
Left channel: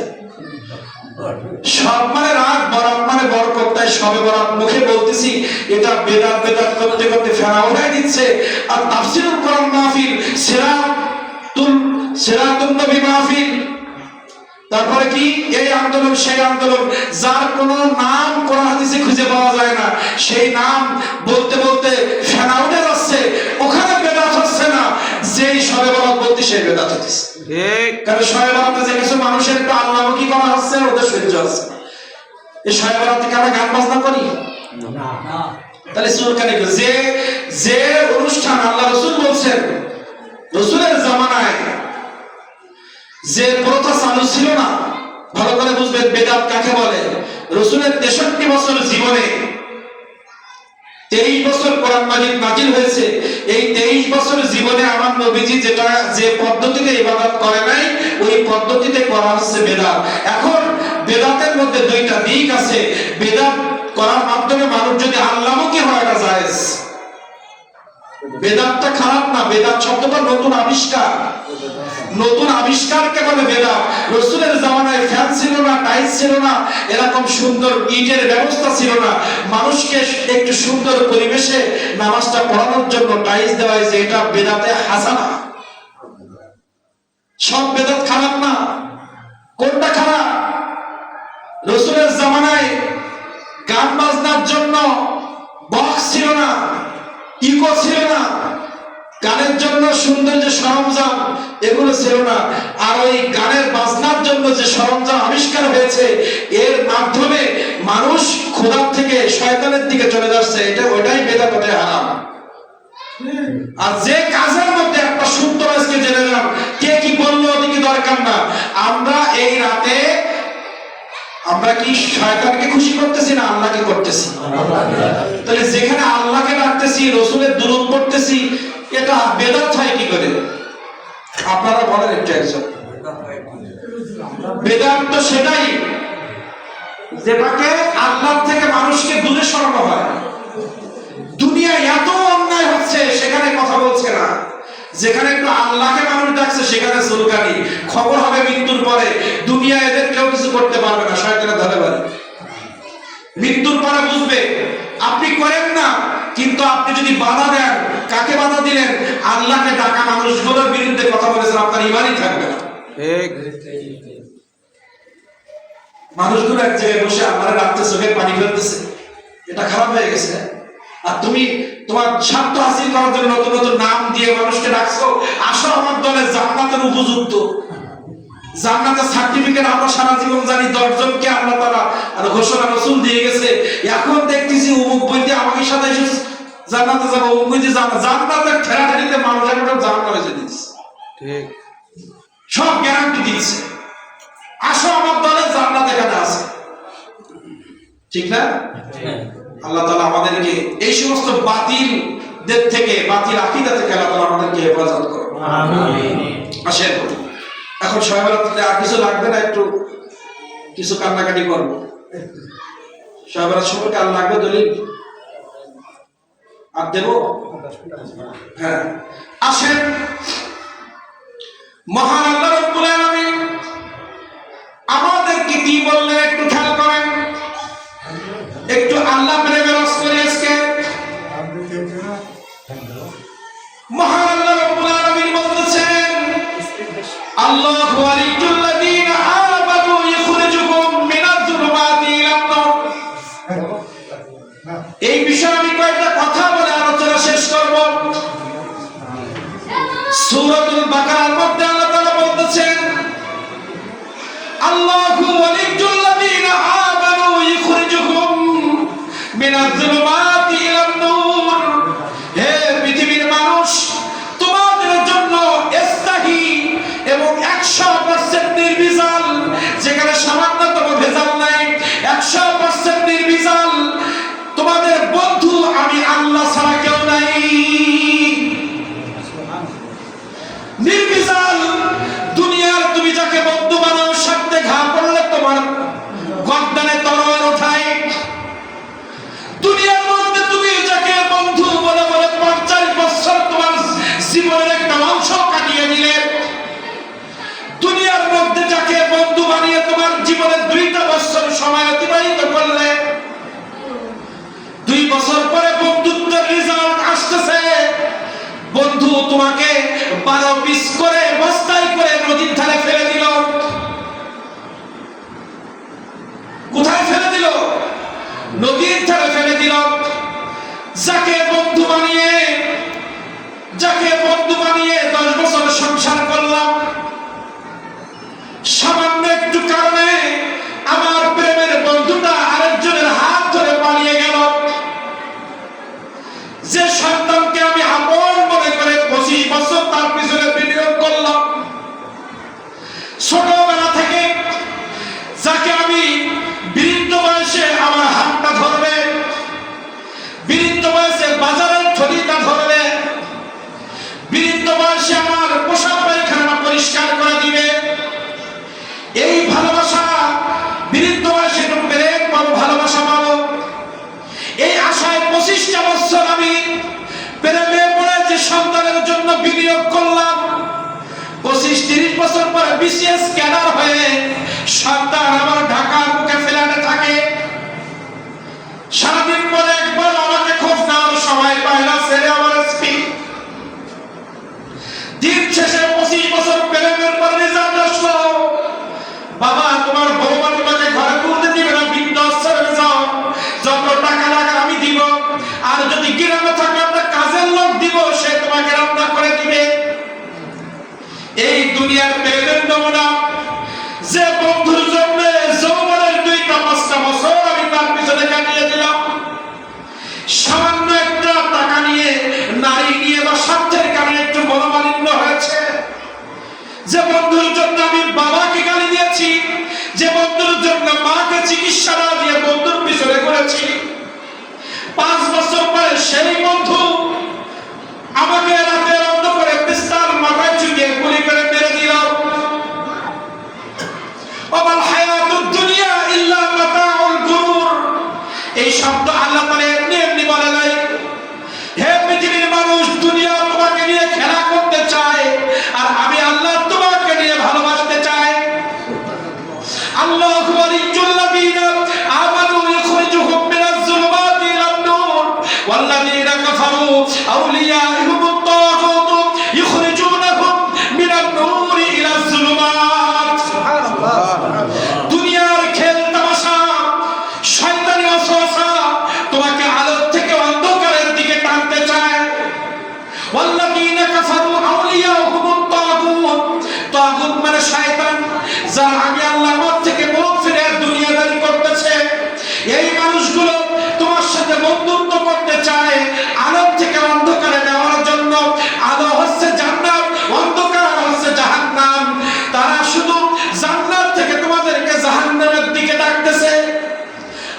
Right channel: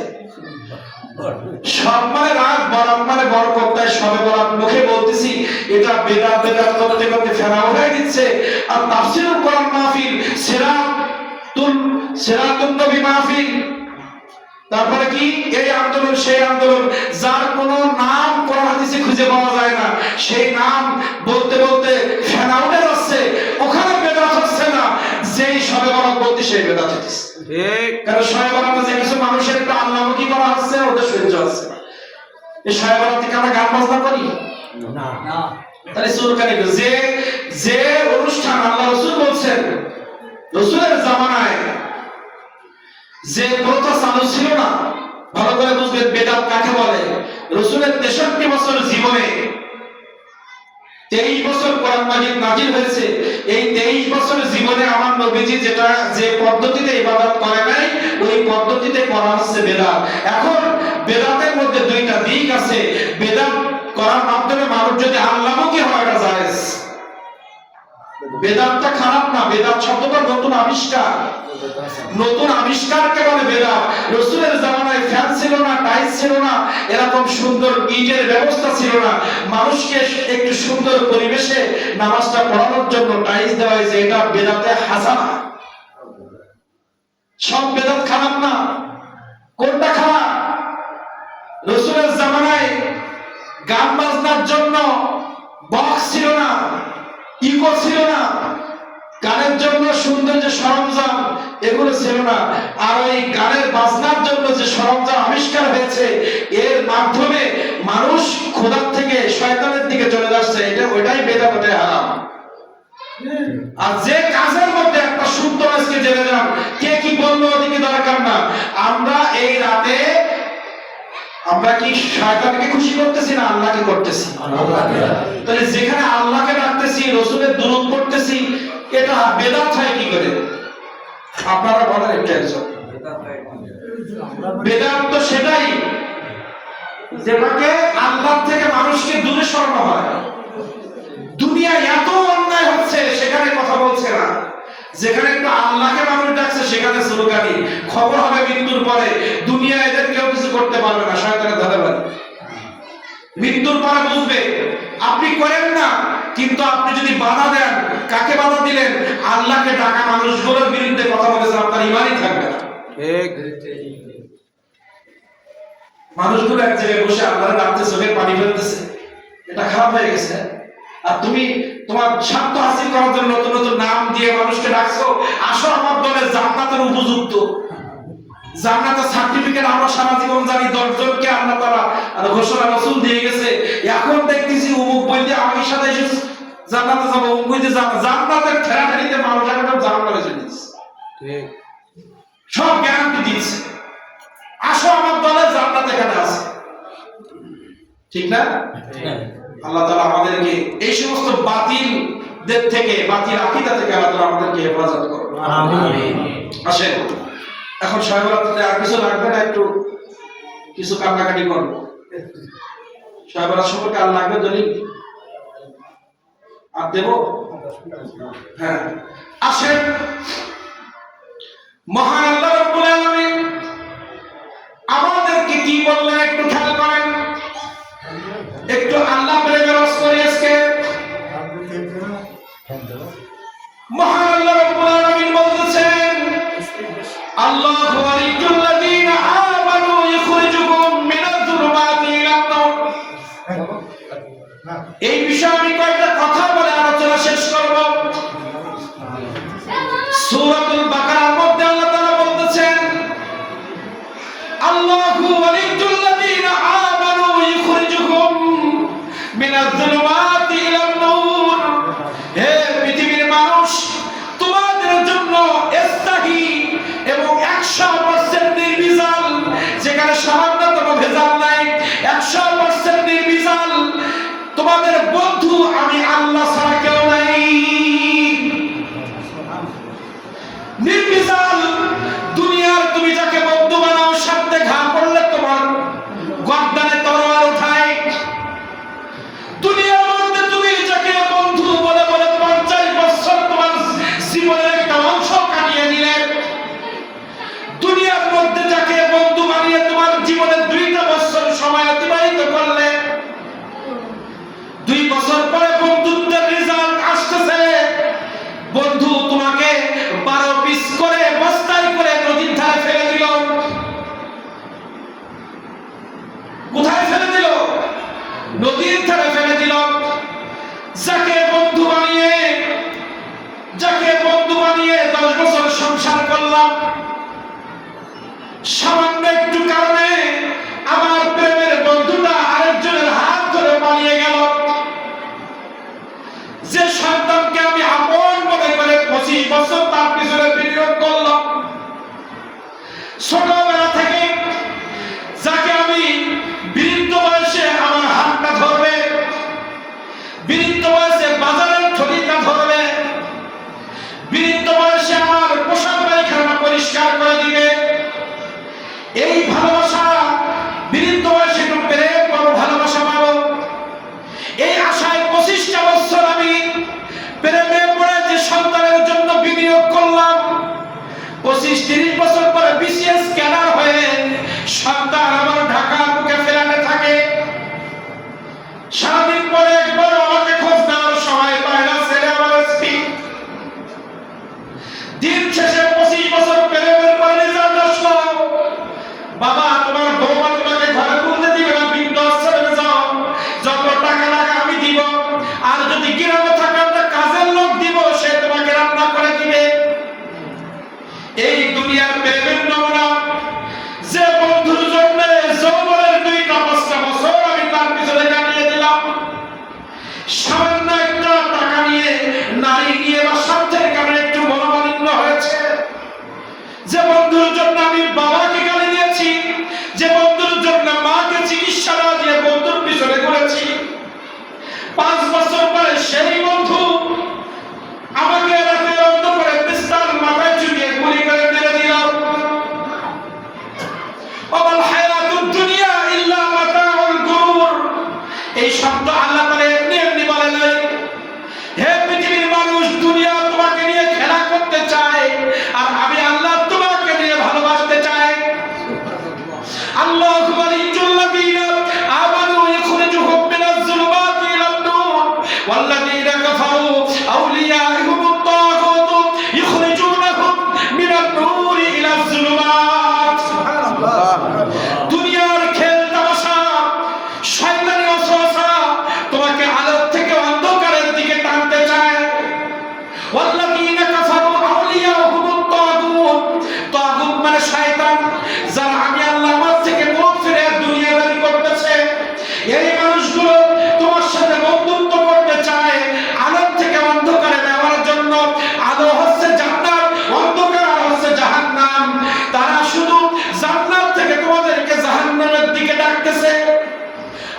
সব মানে রাত, বরাত মানে বরকত, তাই সবে বরাত মুখে বলতেছি, এটা বেদাত বেদাত করতে করতে ফেরাও হয়ে দিচ্ছে। আর তাফসীরুল কোরআন মাহফিল, সিরাতুন নবী মাহফিল, তারপরে কি এই আন্দোলন সেই আন্দোলন, যার কোনো নাম কোরআন হাদিসে খুঁজে পাওয়া যায় না, সেই নাম বলতে বলতে ফেনা উঠে যাচ্ছে। ওখানে বেদাত হচ্ছে না, যেই সবে বরাত বলতে সেই বেদাত হচ্ছে। কারণ সবে বরাতে যে কিছু মানুষের একটু আল্লাহমুখী করা হচ্ছে, ওদের সহ্য আছে। এই সবে বরাত থেকে আমরা গান বাজনা করি না, তাহলে সুরকানি যে যে অনুষ্ঠান আল্লাহ রাসূল বলছেন, রাসূলের জামানায় যে প্রথা চালু ছিল না, ভালো করে বুঝবেন বেদাত কাকে বলে। রাসূলের 63 বছর জীবনে 23 বছর কোরআন মাজিদ নাজিল হয়েছে। এই 23 বছর জীবনে আমার নবীজি যে পদ্ধতিতে ইবাদত করে নাই, ওই পদ্ধতিতে করা হচ্ছে বেদাত। এখন বেদাতের মধ্যে দুইটা দিক আছে। বেদাত করার মাধ্যমে মানুষ যদি আল্লাহমুখী হয়, এটা জায়েজ। বেদাতটা খারাপ না, বেদাত শব্দটা নতুন আবিষ্কার। নতুন আবিষ্কারকে বলে বেদাত। রাসূলের জামানায় ফ্যান ছিল না, টাইলস ছিল না, এরকম সুন্দর ইটের ব্যবস্থা ছিল না। মানুষকে একটু সুন্দর পরিবেশে নামাজটা পড়ানোর জন্য টাইলস দেওয়া হয়েছে, এটা বেদাতে হাসানা। সব বেদাত খারাপ না। কোনটা খারাপ? রাসূলের জামানায় গান বাজনার জন্য বক্স ছিল না, ইকো ছিল না, গানের জন্য সুন্দর যে সরঞ্জাম এগুলো ছিল না। আর ওই গানের বাজনার জন্য যে সরঞ্জাম আবিষ্কার হয়েছে, এর মাধ্যমে মানুষ খোদার থেকে শয়তানের দিকে চলে যাচ্ছে, ওটাই বেদাত, ওটাই হারাম। আর যে কাজের মধ্যে একটা সূত্র আজকে জেনে যান, কে কি বললো ওদিকে দরকার না। আমরা এই রাতে আমরা কি শয়তানকে খুশি করতেছি না আল্লাহকে করতেছি? তাহলে যেখানে আল্লাহকে ডাকতেছি, রাসূলের দুরূদ পড়তেছি, এটা বেদাত হয় কি করে? আপনারা বলেন একটু একজন। বেদাত তো সেটাই যেটাকে আল্লাহ থেকে মানুষকে দূরে সরানো হয়। দুনিয়ায় এত অন্যায় হচ্ছে, সেখানে কথা বলছে না। যেখানে একটু আল্লাহকে মানুষ ডাকছে, সেখানে সুলকানি। খবর হবে মৃত্যুর পরে, দুনিয়া এদের কেউ কিছু করতে পারবে না, শয়তানের ধরে পারে। মৃত্যুর পরে বুঝবে আপনি করেন না, কিন্তু আপনি যদি বাধা দেন, কাকে বাধা দিলেন? আল্লাহকে ডাকা মানুষগুলোর বিরুদ্ধে কথা বলেছেন, আপনার ঈমানই থাকবে না। মানুষগুলো এক জায়গায় বসে আপনারা ডাকতে চোখের পানি ফেলতেছে, এটা খারাপ হয়ে গেছে। আর তুমি তোমার স্বার্থ হাসিল করার জন্য নতুন নতুন নাম দিয়ে মানুষকে ডাকছো। আসো আমার দলে, জান্নাতের উপযুক্ত, জান্নাতের সার্টিফিকেট আমরা সারা জীবন জানি 10 জনকে আল্লাহ তাআলা আর ঘোষণা রাসূল দিয়ে গেছে। এখন দেখতেছি অমুক বইতে আমার সাথে এসে জান্নাতে যাবো, অমুক বইতে জান্নাতের ঠেলাঠেলিতে মানুষ একটা জান্নাতে চলে যাচ্ছে। ঠিক, সব গ্যারান্টি দিচ্ছে, আসো আমার দলে, জান্নাত এখানে আছে। ঠিক না? আল্লাহ তাআলা আমাদেরকে এই সমস্ত বাতিলদের থেকে, বাতিল আকীদা থেকে আল্লাহ তাআলা আমাদেরকে হেফাজত করুন। আমিন। আসেন, এখন শবে বরাতে আর কিছু লাগবে না, একটু কিছু কান্নাকাটি করব। শবে বরাত সম্পর্কে আর লাগবে দলিল আর দেব? হ্যাঁ, আসেন। মহান আল্লাহ রাব্বুল আলামিন আমাদেরকে কি বললেন একটু খেয়াল করেন। একটু আল্লাহ প্রেমে রস করে আজকে মহান আল্লাহ রাব্বুল আলামিন বলতেছেন, আল্লাহু ওয়ালিয়ুল্লাযীনা আমানু ইখরিজুহুম মিনাজ-যুলুমাতি ইলান-নূর। এই বিষয়ে আমি কয়েকটা কথা বলে আলোচনা শেষ করব। সূরাতুল বাকারার মধ্যে আল্লাহ তাআলা বলতেছেন, আল্লাহু ওয়ালিয়ুল্লাযীনা আমানু ইখরিজুহুম মিনাজ-যুলুমাতি ইলান-নূর। হে পৃথিবীর মানুষ, তোমাদের জন্য ইস্তাহি এবং 100% নির্ভেজাল, যেখানে সামান্যতম ভেজাল নাই, 100% নির্ভেজাল তোমাদের বন্ধু আমি আল্লাহ ছাড়া কেউ নাই। নির্বিচার দুনিয়ার তুমি যাকে বন্ধু বানাও, সাথে ঘা পড়লে তোমার গর্দানে তরোয়ার ওঠায়। দুনিয়ার মধ্যে তুমি যাকে বন্ধু বলে বলে 50 বছর তোমার জীবনের একটা অংশ কাটিয়ে দিলে, দুনিয়ার মধ্যে যাকে বন্ধু বানিয়ে তোমার জীবনে 2টা বছর সময় অতিবাহিত করলে, 2 বছর পরে বন্ধুত্বের রেজাল্ট আসতেছে, বন্ধু তোমাকে 12 পিস করে বস্তায় করে নদীর ধারে ফেলে দিল। কোথায় ফেলে দিল? নদীর ধারে ফেলে দিল। যাকে বন্ধু বানিয়ে 10 বছর সংসার করলাম, সামান্য একটু কারণে আমার প্রেমের বন্ধুটা আরেকজনের হাত ধরে পালিয়ে গেল। যে সন্তানকে আমি আপন মনে করে 25 বছর তার পিছনে বিনিয়োগ করলাম, ছোটবেলা থেকে যাকে আমি বৃদ্ধ বয়সে আমার হাতটা ধরবে, বৃদ্ধ বয়সে বাজারের থলিটা ধরবে, বৃদ্ধ বয়সে আমার পোশাক পায়খানা পরিষ্কার করে দিবে, এই ভালোবাসা বৃদ্ধ বয়সে একটু প্রেম পাবো, ভালোবাসা পাবো, এই আশায় 25টা বছর আমি প্রেমে পড়ে যে সন্তানের জন্য বিনিয়োগ করলাম, 25-30 বছর পরে বিসিএস ক্যাডার হয়ে সন্তান আমার ঢাকার বুকে ফেলাতে থাকে। সারাদিন পরে একবার আমাকে খোঁজ নেওয়ার সময় পায় না ছেলে আমার এসপি। দিন শেষে 25 বছর প্রেমের পরে রেজাল্ট আসলো, বাবা তোমার বৌমা তোমাকে ঘরে তুলতে দিবে না, বৃদ্ধাশ্রমে যাও, যত টাকা লাগে আমি দিব, আর যদি গ্রামে থাকা একটা কাজের লোক দিব, সে তোমাকে রান্না করে দিবে। এই দুনিয়ার প্রেমের নমুনা। যে বন্ধুর জন্য যৌবনের 2-5 বছর আমি তার পিছনে কাটিয়ে দিলাম, সামান্য একটা টাকা নিয়ে, নারী নিয়ে বা স্বার্থের কারণে একটু মনোমালিন্য হয়েছে, যে বন্ধুর জন্য আমি বাবাকে গালি দিয়েছি, যে বন্ধুর জন্য মাকে চিকিৎসা না দিয়ে বন্ধুর পিছনে ঘুরেছি, 5 বছর পরে সেই বন্ধু আমাকে রাতের অন্ধকারে বিস্তার মাথায় চুপিয়ে গুলি করে মেরে দিল। ওয়াল হায়াতুদ দুনিয়া ইল্লা মাতাউল গুরুর, এই শব্দ আল্লাহ তাআলা এমনি বলে নাই। হে পৃথিবীর মানুষ, দুনিয়া তোমাকে নিয়ে খেলা করতে চায়, আর আমি আল্লাহ তোমাকে নিয়ে ভালোবাসতে চাই। আল্লাহু ওয়ালিয়্যুল্লাযীনা আমানু ইখরিজুহুম মিনাজ যুলুমাতি ইলান নূর ওয়াল্লাযীনা কাফারু আউলিয়াউহুমুত তাগুত ইখরিজুনাহুম মিনান নূরি ইলাজ যুলুমাত। সুবহানাল্লাহ। দুনিয়ার খেল তামাশা, শয়তানি ওয়াসওয়াসা তোমাকে আলো থেকে অন্ধকারের দিকে টানতে চায়। ওয়াল্লাযীনা কাফারু আউলিয়াউহুমুত তাগুত, তাগুত মানে শয়তান, যারা আমি আল্লাহ আমার থেকে মুখ ফিরে দুনিয়াদারি করতেছে, এই মানুষগুলো তোমার সাথে বন্ধুত্ব করতে চায় আলো থেকে অন্ধকারে নেওয়ার জন্য। আলো হচ্ছে জান্নাত, অন্ধকার হচ্ছে জাহান্নাম। তারা শুধু জান্নাত থেকে তোমাদেরকে জাহান্নামের দিকে ডাকতেছে।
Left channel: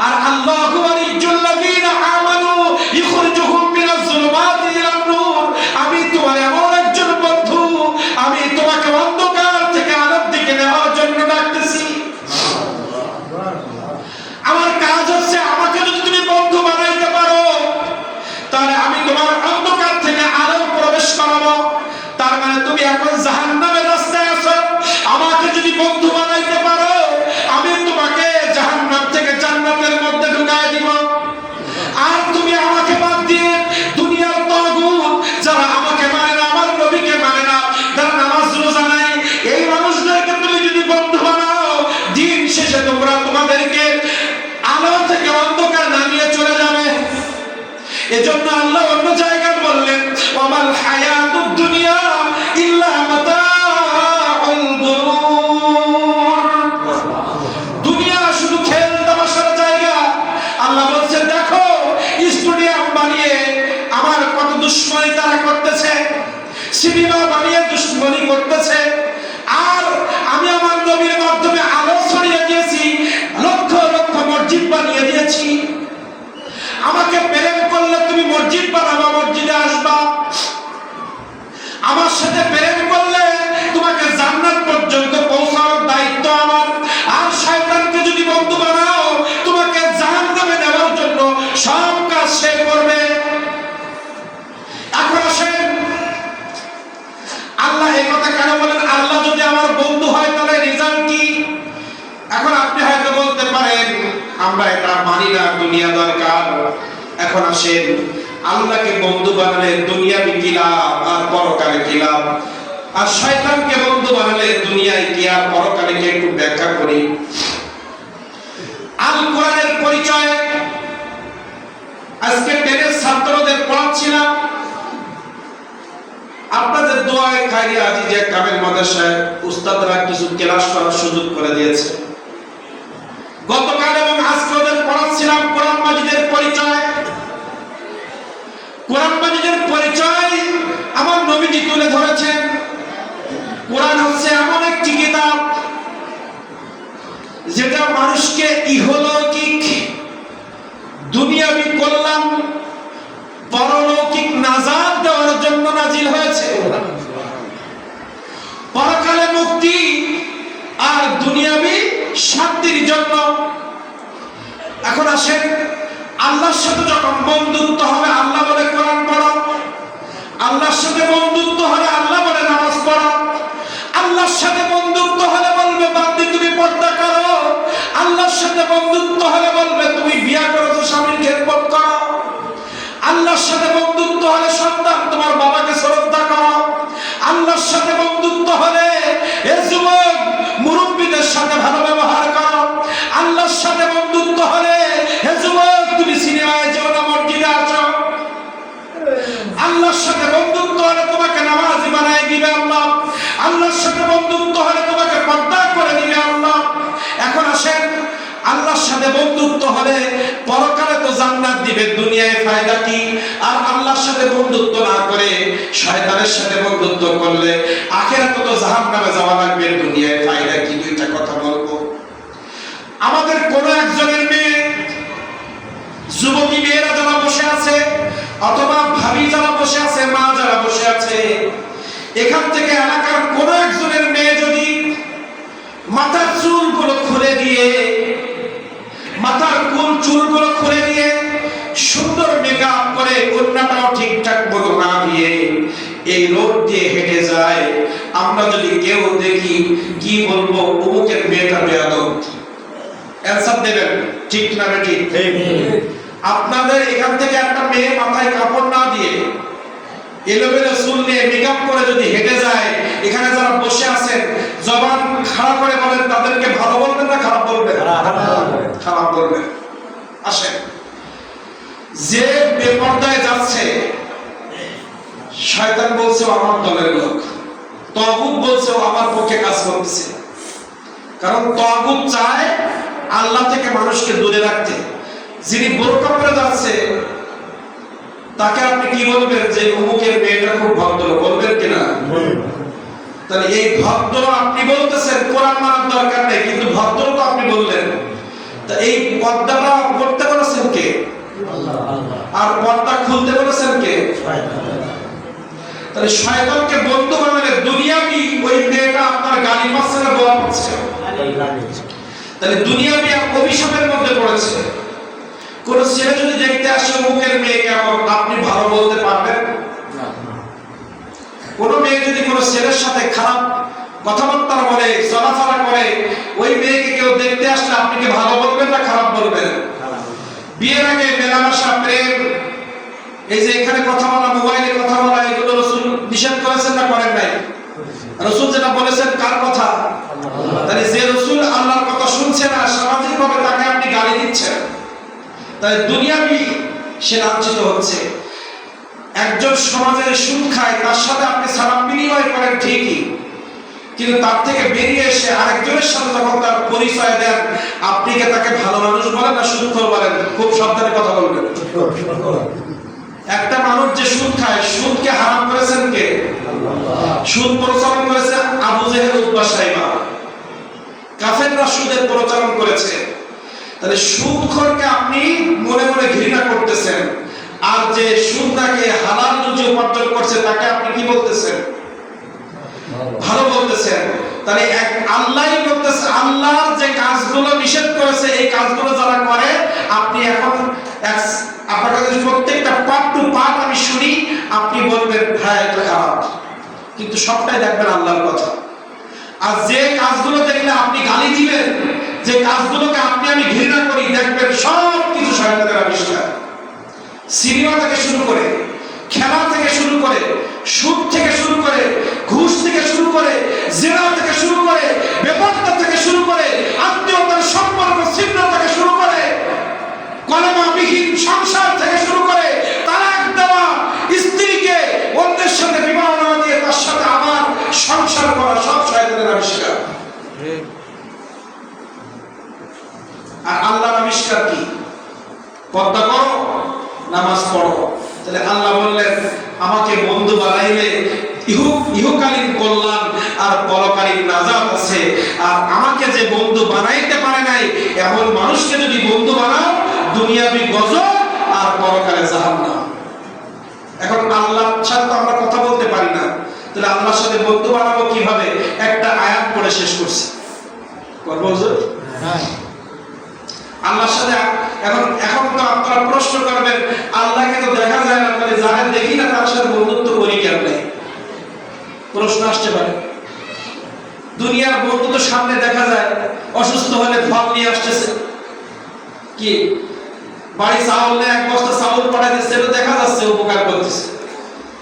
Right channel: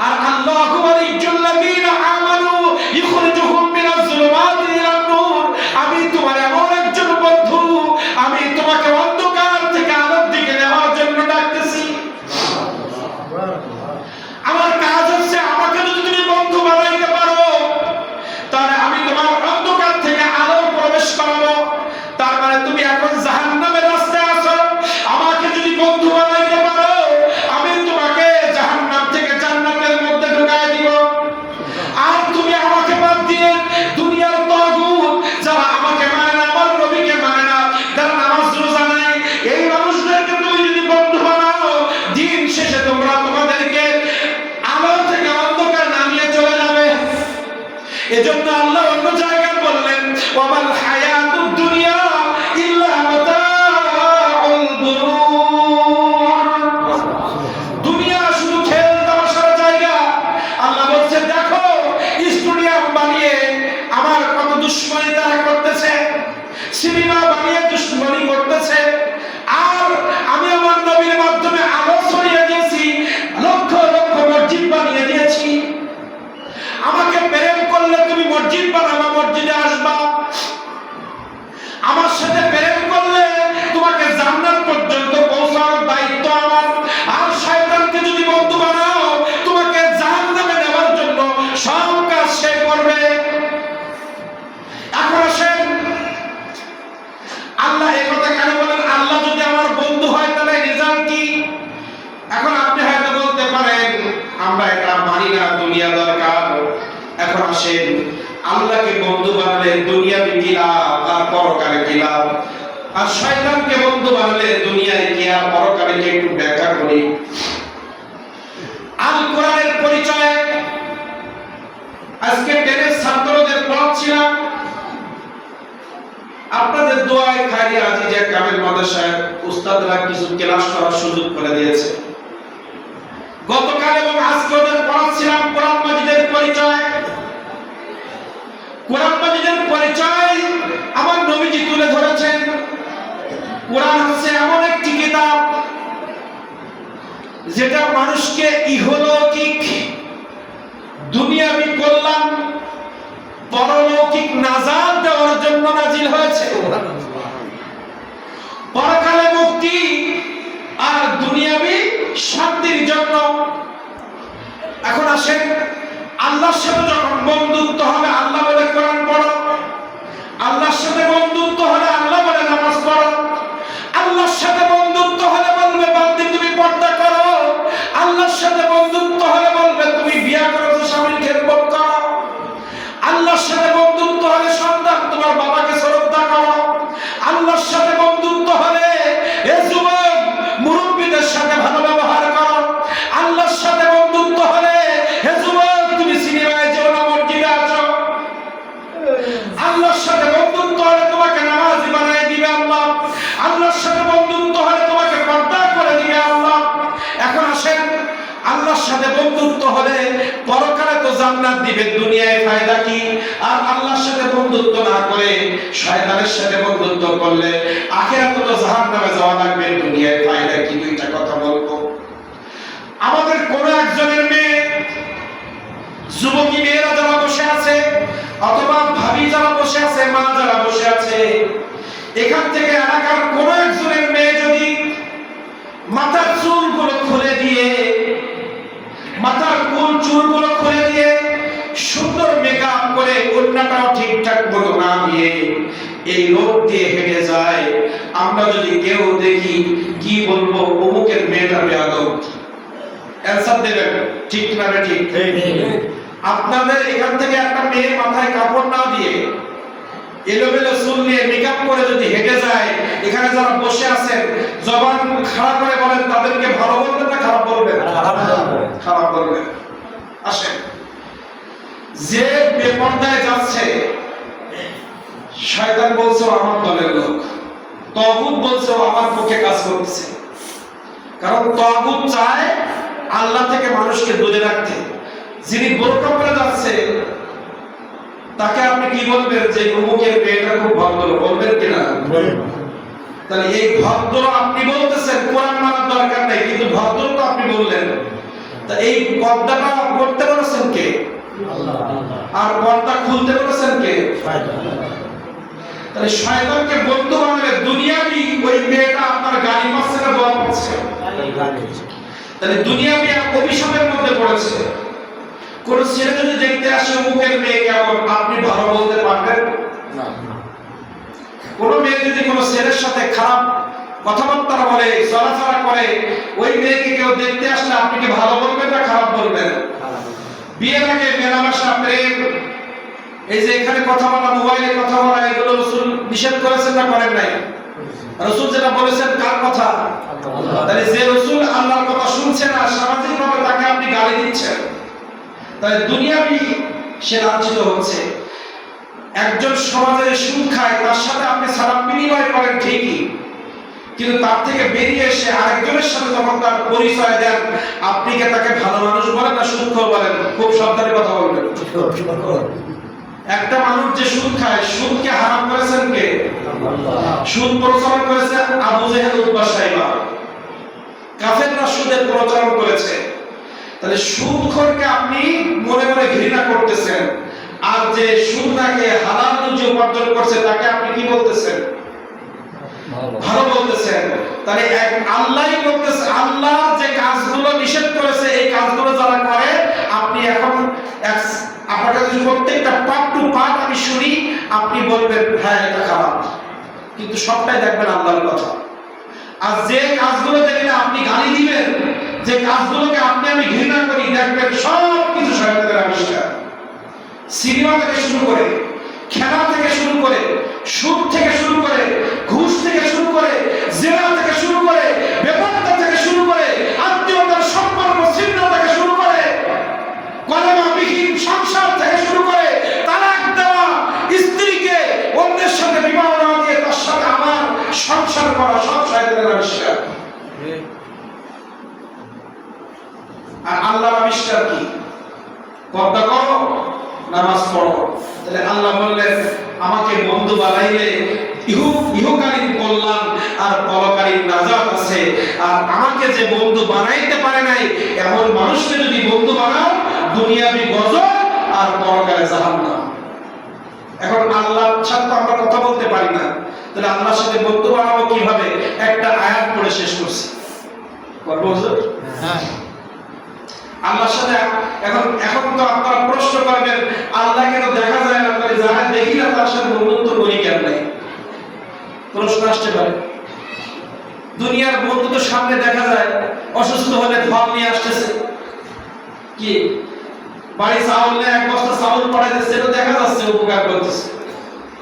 আর আল্লাহু ওয়ালিয়্যুল্লাযীনা আমানু ইখরিজুহুম মিনাজ যুলুমাতি ইলান নূর, আমি তোমার এমন একজন বন্ধু, আমি তোমাকে অন্ধকার থেকে আলোর দিকে নেওয়ার জন্য ডাকতেছি। আমার কাজ হচ্ছে, আমাকে যদি তুমি বন্ধু বানাইতে পারো, তাহলে আমি তোমার অন্ধকার থেকে আলো প্রবেশ করাবো। তার মানে তুমি এখন জাহান্নামের রাস্তায় আছো। আমাকে যদি বন্ধু বানাইতে পারো, আমি তোমাকে জাহান্নাম থেকে জান্নাতের মধ্যে ঢুকায় দিব। আর তুমি আমাকে বাদ দিয়ে দুনিয়ার তাগুত, যারা আমাকে মানে না, আমার নবীকে মানে না, যারা নামাজ রোজা নাই, এই মানুষদেরকে তুমি যদি বন্ধু বানাও, দিন শেষে তোমরা তোমাদেরকে আলো থেকে অন্ধকার নামিয়ে চলে যাবে। এজন্য আল্লাহ অন্য জায়গায় বললেন, ওয়ামাল হায়াতুদ দুনিয়া ইল্লা মাতাউল গুরুর। দুনিয়া শুধু খেল তামাশার জায়গা। আল্লাহ বলছেন, দেখো স্টেডিয়াম বানিয়ে আমার কত দুশ্মনী তারা করতেছে, সিনেমা বানিয়ে দুশ্মনী করতেছে, আর আমি আমার নবীর মাধ্যমে আলো ছড়িয়ে দিয়েছি, লক্ষ লক্ষ মসজিদ বানিয়ে দিয়েছি। আমাকে প্রেম করলে তুমি মসজিদ বানাবা, মসজিদে আসবা। আমার সাথে প্রেম করলে তোমাকে জান্নাত পর্যন্ত পৌঁছানোর দায়িত্ব আমার। আর শয়তানকে যদি বন্ধু বানাও, তোমাকে জাহান্নামে নেওয়ার জন্য সব কাজ সে করবে। এখন আসেন, আল্লাহ এই কথা কেন বলেন? আল্লাহ যদি আমার বন্ধু হয় তাহলে রেজাল্ট কি? এখন আপনি হয়তো বলতে পারেন আমরা এটা মানি না, দুনিয়া দরকার। এখন আসেন, আল্লাহকে বন্ধু বানালে দুনিয়াবি কি লাভ আর পরকালে কি লাভ? আর শয়তানকে বন্ধু বানালে দুনিয়ায় কি আর পরকালে কি? একটু ব্যাখ্যা করি। আল কোরআনের পরিচয় আজকে 10 ছাত্রদের পড়াচ্ছিলাম। আপনাদের দোয়ায় খায়রি আজিজে কামেল মাদ্রাসায় উস্তাদরা কিছু ক্লাস করার সুযোগ করে দিয়েছে। গতকাল এবং আজকে ওদের পড়াচ্ছিলাম কোরআন মাজিদের পরিচয়। কোরআন মাজিদের পরিচয় আমার নবীজি তুলে ধরেছেন। কোরআন হচ্ছে এমন একটি কিতাব যেটা মানুষকে ইহলৌকিক দুনিয়াবি কল্যাণ, পরলৌকিক নাজাত দেওয়ার জন্য নাজিল হয়েছে। পরকালে মুক্তি আর দুনিয়াবি শান্তির জন্য। এখন আসেন, আল্লাহর সাথে যখন বন্ধুত্ব হবে আল্লাহ বলে কোরআন পড়ো, আল্লাহর সাথে বন্ধুত্ব হলে আল্লাহ বলে নামাজ পড়ো, আল্লাহর সাথে বন্ধুত্ব হলে বলবে বান্দি তুমি পর্দা করো, আল্লাহর সাথে বন্ধুত্ব হলে বলবে তুমি বিয়ে করো তো স্বামীর খেদমত করো, আল্লাহর সাথে বন্ধুত্ব হলে সন্তান তোমার বাবাকে শ্রদ্ধা করো, আল্লাহর সাথে বন্ধুত্ব হলে এ যুবক মুরব্বীদের সাথে ভালো ব্যবহার করো, আল্লাহর সাথে বন্ধুত্ব হলে হে যুবক তুমি সিনেমায় যেও না, মসজিদে আসো, আল্লাহর সাথে বন্ধুত্ব হলে তোমাকে নামাজি বানায় দিবে আল্লাহ, আল্লাহর সাথে বন্ধুত্ব হলে তোমাকে পর্দা করে দিবে আল্লাহ। এখন আসেন, আল্লাহর সাথে বন্ধুত্ব হলে পরকালে তো জান্নাত দিবে, দুনিয়ায় ফায়দা কি? আর আল্লাহর সাথে বন্ধুত্ব না করে শয়তানের সাথে বন্ধুত্ব করলে আখিরাতে তো জাহান্নামে যাওয়া লাগবে, দুনিয়ায় ফায়দা কি? দুইটা কথা বলবো। আমাদের কোন একজনের মেয়ে, যুবতী মেয়েরা যারা বসে আছে অথবা ভাবি যারা বসে আছে, মা যারা বসে আছে, এখান থেকে এলাকার কোন একজনের মেয়ে যদি মাথার চুলগুলো খুলে দিয়ে, মাথার কোন চুলগুলো খুলে দিয়ে সুন্দর মেকআপ করে ওড়নাটাও ঠিকঠাক মতো না দিয়ে এই রোড দিয়ে হেঁটে যায়, আমরা যদি কেউ দেখি কি বলবো? অমুকের মেয়েটা বেয়াদব। অ্যানসার দেবেন, ঠিক না ঠিক? আপনাদের এখান থেকে একটা মেয়ে মাথায় কাপড় না দিয়ে এলোমেলো চুল নিয়ে মেকআপ করে যদি হেঁটে যায়, এখানে যারা বসে আছেন জবান খাড়া করে বলেন, তাদেরকে ভালো বলবেন না খারাপ বলবেন? খারাপ বলবেন। আসেন, যে বেপরদায় যাচ্ছে শয়তান বলছে আমার দলের লোক, তাগুত বলছে আমার পক্ষে কাজ করতেছে। কারণ তাগুত চায় আল্লাহ থেকে মানুষকে দূরে রাখতে। যিনি বোরকা পরে যাচ্ছে তাকে আপনি কি বলবেন? যে অমুকের মেয়েটা খুব ভদ্র, বলবেন কিনা? তাহলে এই ভদ্র আপনি বলতেছেন, কোরআন মানার দরকার নেই, কিন্তু ভদ্র তো আপনি বললেন। তা এই পর্দাটা করতে বলেছেন কে? আল্লাহ। আর পর্দা খুলতে বলেছেন কে? তাহলে শয়তানকে বন্ধু বানালে দুনিয়াবি ওই মেয়েটা আপনার গালি মাসে দোয়া পড়ছে, তাহলে দুনিয়াবি অভিশাপের মধ্যে পড়েছে। কোন ছেলে যদি দেখতে আসে অমুকের মেয়ে কেমন, আপনি ভালো বলতে পারবেন না। কোন মেয়ে যদি কোন ছেলের সাথে খারাপ কথাবার্তা বলে, চলাফেরা করে, ওই মেয়েকে কেউ দেখতে আসলে আপনি কি ভালো বলবেন না খারাপ বলবেন? বিয়ের আগে মেলামেশা, প্রেম, এই যে এখানে কথা বলা, মোবাইলে কথা বলা, এগুলো রাসূল নিষেধ করেছেন না করেন নাই? রাসূল যেটা বলেছেন কার কথা? তাহলে যে রাসূল আল্লাহর কথা শুনছে না, সামাজিকভাবে তাকে আপনি গালি দিচ্ছেন, তাহলে দুনিয়াবি সে লাঞ্ছিত হচ্ছে। একজন সমাজের সুদ খায়, তার সাথে আপনি সালাম বিনিময় করেন ঠিকই, কিন্তু তার থেকে বেরিয়ে এসে আরেকজনের সাথে যখন তার পরিচয় দেন, আপনি কি তাকে ভালো মানুষ বলেন না সুদখোর বলেন? খুব সাবধানে কথা বলবেন। একটা মানুষ যে সুদ খায়, সুদকে হারাম করেছেন কে? সুদ প্রচলন করেছে আবু জেহেল, উতবা, সাইবা। কাফেররা সুদের প্রচলন করেছে। তাহলে সুদখোরকে আপনি মনে মনে ঘৃণা করতেছেন। যে সুদনাকে হালাল রুজি উপার্জন করছে তাকে আপনি কি বলতেছেন? ভালো বলতেছেন। তাহলে এক আল্লাহই বলতেছে, আল্লাহর যে কাজগুলো নিষেধ করেছে এই কাজগুলো যারা করে, আপনি এখন আপনার কাছে প্রত্যেকটা পার্ট টু পার্ট আমি শুনি, আপনি বলবেন হ্যাঁ এটা খারাপ, কিন্তু সবটাই দেখবেন আল্লাহর কথা। আর যে কাজগুলো দেখলে আপনি গালি দিবেন, যে কাজগুলোকে আপনি আমি ঘৃণা করি, দেখবেন সব কিছু শয়তানের আবিষ্কার। সিনেমা থেকে শুরু করে, খেলা থেকে শুরু করে, সুদ থেকে শুরু করে, ঘুষ থেকে শুরু করে, জিনা থেকে শুরু করে, বেপরতা থেকে শুরু করে, আত্মীয়তার সম্পর্ক ছিন্ন থেকে শুরু করে, কলেমাবিহীন সংসার থেকে শুরু করে, তালাক দেওয়া, স্ত্রীকে অন্যের সাথে বিবাহ না দিয়ে তার সাথে আবার সংসার করা, সব শয়তানের আবিষ্কার। আর আল্লাহর আবিষ্কার কি? পর্দা করো, নামাজ পড়ো। তাহলে আল্লাহ বললেন আমাকে বন্ধু বানাইলে ইহকালীন কল্যাণ আর পরকালীন নাজাত আছে। আর আমাকে যে বন্ধু বানাইতে পারে নাই এমন মানুষকে যদি বন্ধু বানাও, দুনিয়াবি গজব আর পরকালে জাহান্নাম। এখন আল্লাহর সাথে তো আমরা কথা বলতে পারি না, তাহলে আল্লাহর সাথে বন্ধু বানাবো কিভাবে? একটা আয়াত পড়ে শেষ করছি। করবো হুজুর? হ্যাঁ। আল্লাহর সাথে এখন তো আপনারা প্রশ্ন করবেন, আল্লাহকে তো দেখা যায় না, তাহলে যারা দেখি না তার সাথে বন্ধুত্ব করি কেন নাই? প্রশ্ন আসতে পারে। দুনিয়ার বন্ধু তো সামনে দেখা যায়, অসুস্থ হলে ফল নিয়ে আসতেছে, কি বাড়ি চাউল নিয়ে এক বস্তা চাউল পাঠাইতেছে, এটা দেখা যাচ্ছে উপকার করতেছে,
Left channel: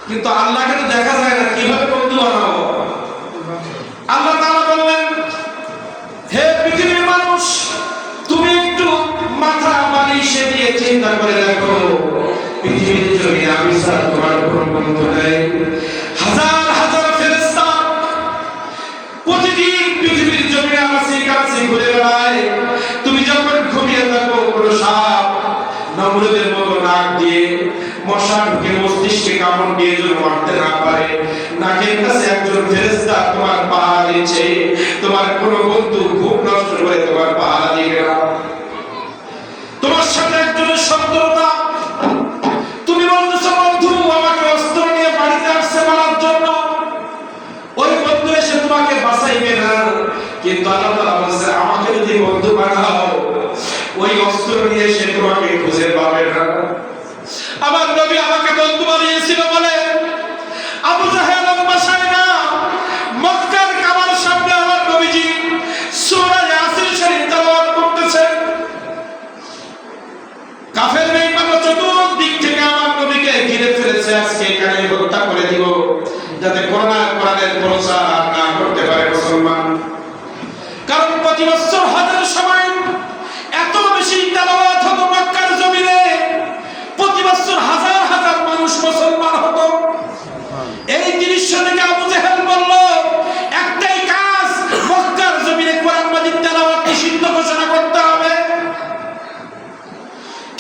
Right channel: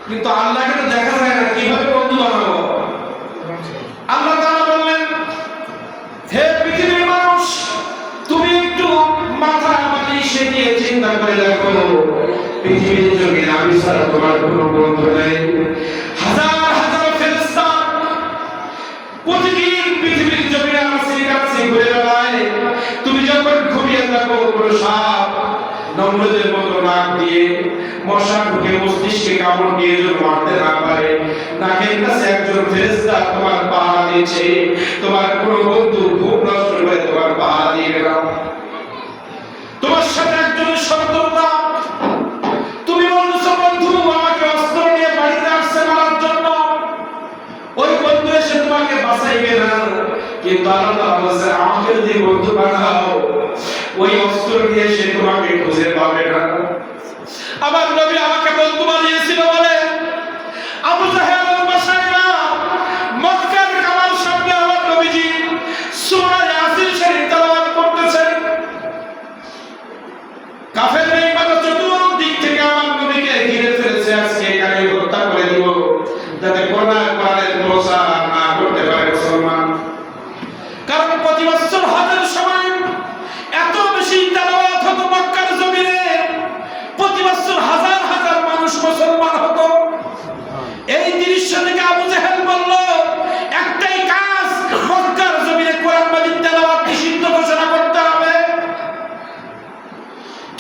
কিন্তু আল্লাহকে তো দেখা যায় না। কিভাবে বন্ধু বানাবো? আল্লাহ তাআলা বললেন, হে পৃথিবীর মানুষ, তুমি একটু মাথা বালিশে দিয়ে চিন্তা করে দেখো, পৃথিবীর জমিনে আমি ছাড়া তোমার কোনো বন্ধু নেই। হাজার হাজার ফেরেশতা প্রতিদিন পৃথিবীর জমিনে কাছে ঘুরে বেড়ায়। তুমি যখন ঘুমিয়ে থাকো, কোনো সাপ নমরুদের মতো নাক দিয়ে মশা ঢুকে মস্তিষ্কে কামড় দিয়ে যেন মারতে না পারে, নাকের কাছে একজন ফেরেশতা তোমার পাহারা দিচ্ছে। তোমার কোনো বন্ধু খুব নষ্ট করে তোমার পাহারা দিয়ে গেলাম। তোমার সাথে একজনের শত্রুতা, তুমি বলতেছো বন্ধু আমাকে অস্ত্র নিয়ে বাড়িতে আসছে মারার জন্য, ওই বন্ধু এসে তোমাকে বাঁচাইবে না। কিন্তু আল্লাহ তাআলা বলেছে আমাকে যদি বন্ধু বানাও, ওই অস্ত্র নিয়ে সে তোমাকে খুঁজে পাবে না। আমার নবী আমাকে বন্ধু বানিয়েছিল বলে আবু জাহেল বাসায় না, মক্কার কাবার সামনে আমার নবীজি সূরা ইয়াসিন শরীফ তেলাওয়াত করতেছেন। কাফের বেঈমানরা চতুর্দিক থেকে আমার নবীকে ঘিরে ফেলেছে, আজকে এখানে হত্যা করে দিব, যাতে কোরআনের প্রচার না করতে পারে মুসলমান। কারণ প্রতি বছর হজের সময় এত বেশি তেলাওয়াত হতো মক্কার জমিনে, প্রতি বছর হাজার হাজার মানুষ মুসলমান হতো। এই দৃশ্য থেকে আবু জাহেল বলল একটাই কাজ, মক্কার জমিনে কোরআন মাজিদ তেলাওয়াত নিষিদ্ধ ঘোষণা করতে হবে।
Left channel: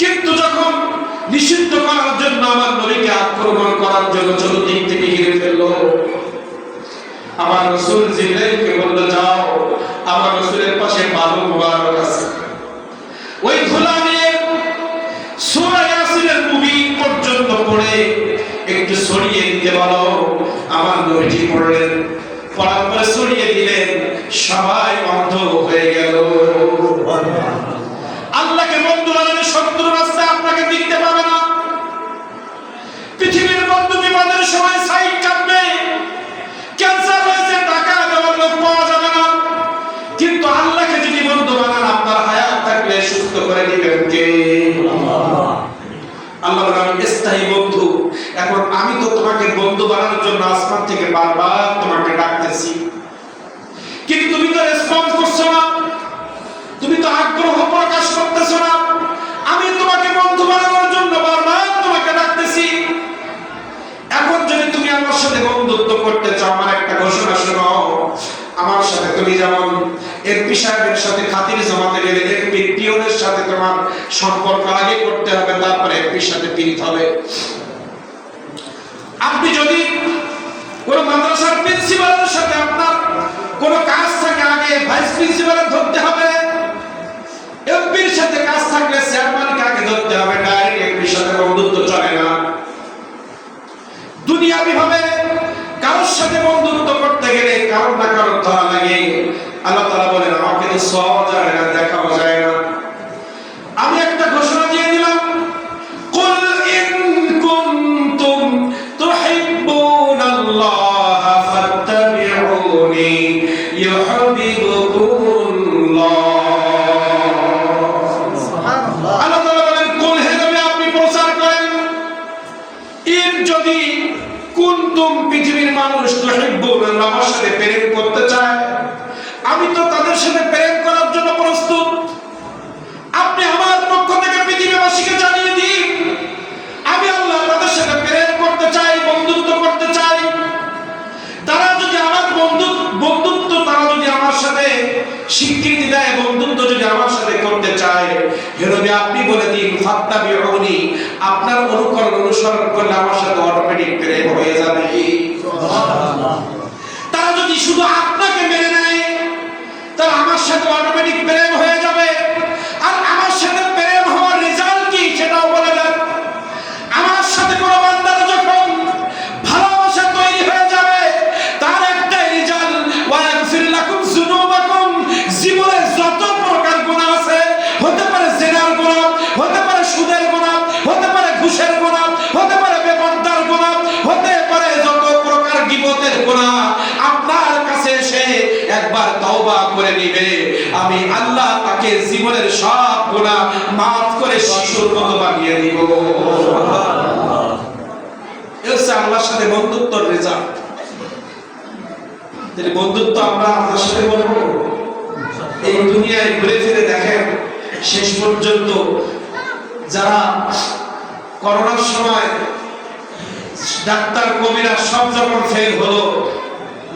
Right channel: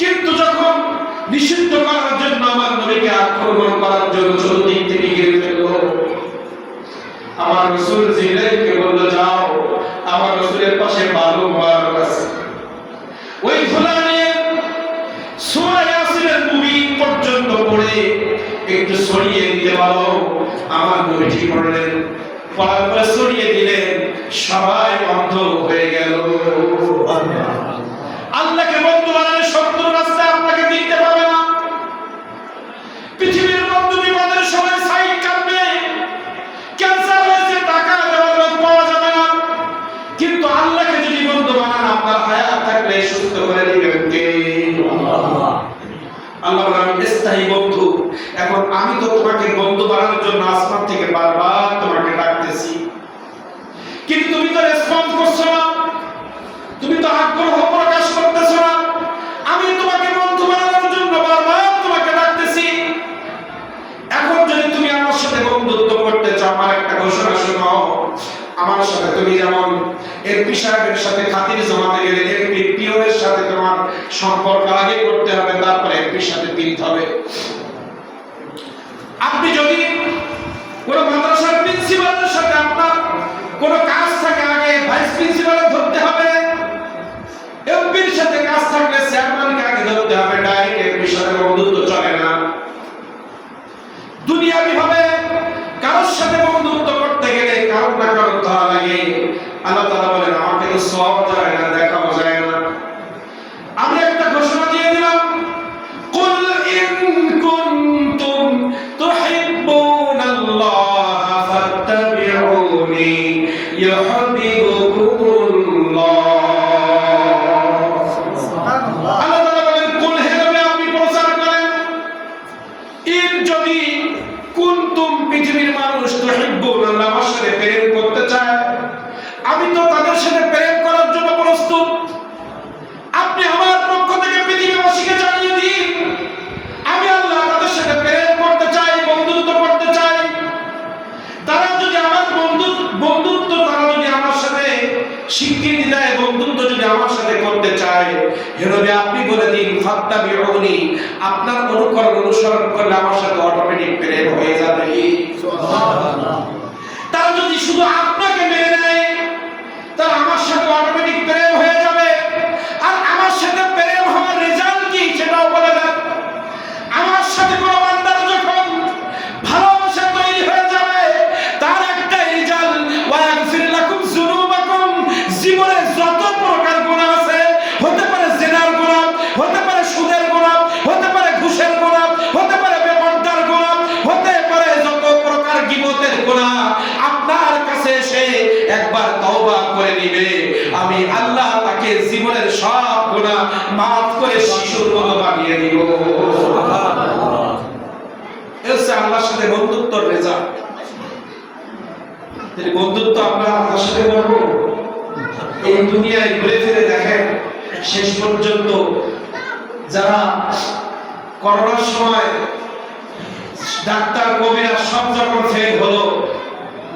কিন্তু যখন নিষিদ্ধ করার জন্য আমার নবীকে আক্রমণ করার জন্য চতুর্দিক থেকে ঘিরে ফেললো, আমার রাসূল জিবরাইলকে বলল যাও, আমার রাসূলের পাশে বালু মুবারক আছে, ওই ধুলা নিয়ে সূরা ইয়াসিনের মুবিন পর্যন্ত পড়ে একটু ছড়িয়ে দিতে বলো। আমার নবীজি পড়লেন, পড়ার পরে ছড়িয়ে দিলেন, সবাই অন্ধ হয়ে গেল। আল্লাহকে বন্ধু বানালে শত্রু রাস্তায় আপনাকে দেখতে পাবে না। পৃথিবীর বন্ধু বিপদের সময় সাইড কাটবে, ক্যান্সার হয়েছে টাকা দেওয়ার লোক পাওয়া যাবে না, কিন্তু আল্লাহকে যদি বন্ধু বানান আপনার হায়াত থাকলে সুস্থ করে দিবেন কে? আল্লাহ বলেন আমি স্থায়ী বন্ধু। এখন আমি তো তোমাকে বন্ধু বানানোর জন্য আসমান থেকে বারবার তোমাকে ডাকতেছি, কিন্তু তুমি তো রেসপন্স করছো না, তুমি তো আগ্রহ প্রকাশ করতেছো না। আমি তোমাকে বন্ধু বানানোর জন্য বারবার তোমাকে ডাকতেছি। এখন যদি তুমি আমার সাথে বন্ধুত্ব করতে চাও, আমার একটা ঘোষণা শোনো। আমার সাথে তুমি যেমন এমপি সাহেবের সাথে খাতির জমাতে গেলে এমপি পিওনের সাথে তোমার সম্পর্ক আগে করতে হবে, তারপরে এমপির সাথে পিরিত হবে। আপনি যদি কোন মাদ্রাসার প্রিন্সিপালের সাথে আপনার কোন কাজ থাকে, আগে ভাইস প্রিন্সিপালের ধরতে হবে। এমপির সাথে কাজ থাকলে চেয়ারম্যানকে আগে ধরতে হবে, ডাইরেক্ট এমপির সাথে বন্ধুত্ব চলে না। ছোঁয়া যায় না, দেখাও যায় না। আমি একটা ঘোষণা দিয়ে দিলাম, কুল ইন কুনতুম তুহিব্বুনাল্লাহ ফাত্তাবিউনি ইউহিব্বুকুমুল্লাহ। সুবহানাল্লাহ। আল্লাহ তাআলা বলেন, কুল হে নবী আপনি প্রচার করেন, ইন যদি কুনতুম পৃথিবীর মানুষ তুহিব্বুনাল্লাহ আমার সাথে প্রেম করতে চায়, আমি তো তাদের সাথে প্রেম করার জন্য প্রস্তুত। আপনি আমার পক্ষ থেকে পৃথিবীবাসীকে জানিয়ে দিন, আমি আল্লাহ তাদের সাথে প্রেম করতে চাই, বন্ধুত্ব করতে চাই। তারা যদি আমার বন্ধুত্ব তারা যদি আমার সাথে স্বীকৃতি দেয়, বন্ধুত্ব যদি আমার সাথে করতে চায়, হে নবী আপনি বলে দিন ফাত্তাবিউনি, আপনার অনুসরণ করলে আমার সাথে অটোমেটিক প্রেম হয়ে যাবে। সুবহানাল্লাহ। তারা যদি শুধু আপনাকে মেনে নেয়, তাহলে আমার সাথে অটোমেটিক প্রেম হয়ে যাবে। আর আমার সাথে প্রেম হওয়ার রেজাল্ট কি সেটাও বলে দেন। আমার সাথে কোনো বান্দার যখন ভালোবাসা তৈরি হয়ে যাবে, তার একটাই রেজাল্ট, ওয়ায়াগফির লাকুম যুনুবাকুম, জীবনে যত প্রকার গুনাহ আছে, হতে পারে জিনার গুনাহ, হতে পারে সুদের গুনাহ, হতে পারে ঘুষের গুনাহ, হতে পারে বেপরদার গুনাহ, হতে পারে যত প্রকার গীবতের গুনাহ, আপনার কাছে এসে একবার তওবা করে নিবে, আমি আল্লাহ তাকে জীবনের সব গুনাহ maaf করে শিশুর মতো বানিয়ে দিব। সুবহানাল্লাহ। এই আল্লাহর সাথে বন্ধুত্বের রেজাল্ট। যদি বন্ধুত্ব আমরা আল্লাহর সাথে করব, এই দুনিয়ায় ঘুরে ফিরে দেখেন শেষ পর্যন্ত যারা করোনার সময় ডাক্তার কবিরা সব যখন ফেল হলো,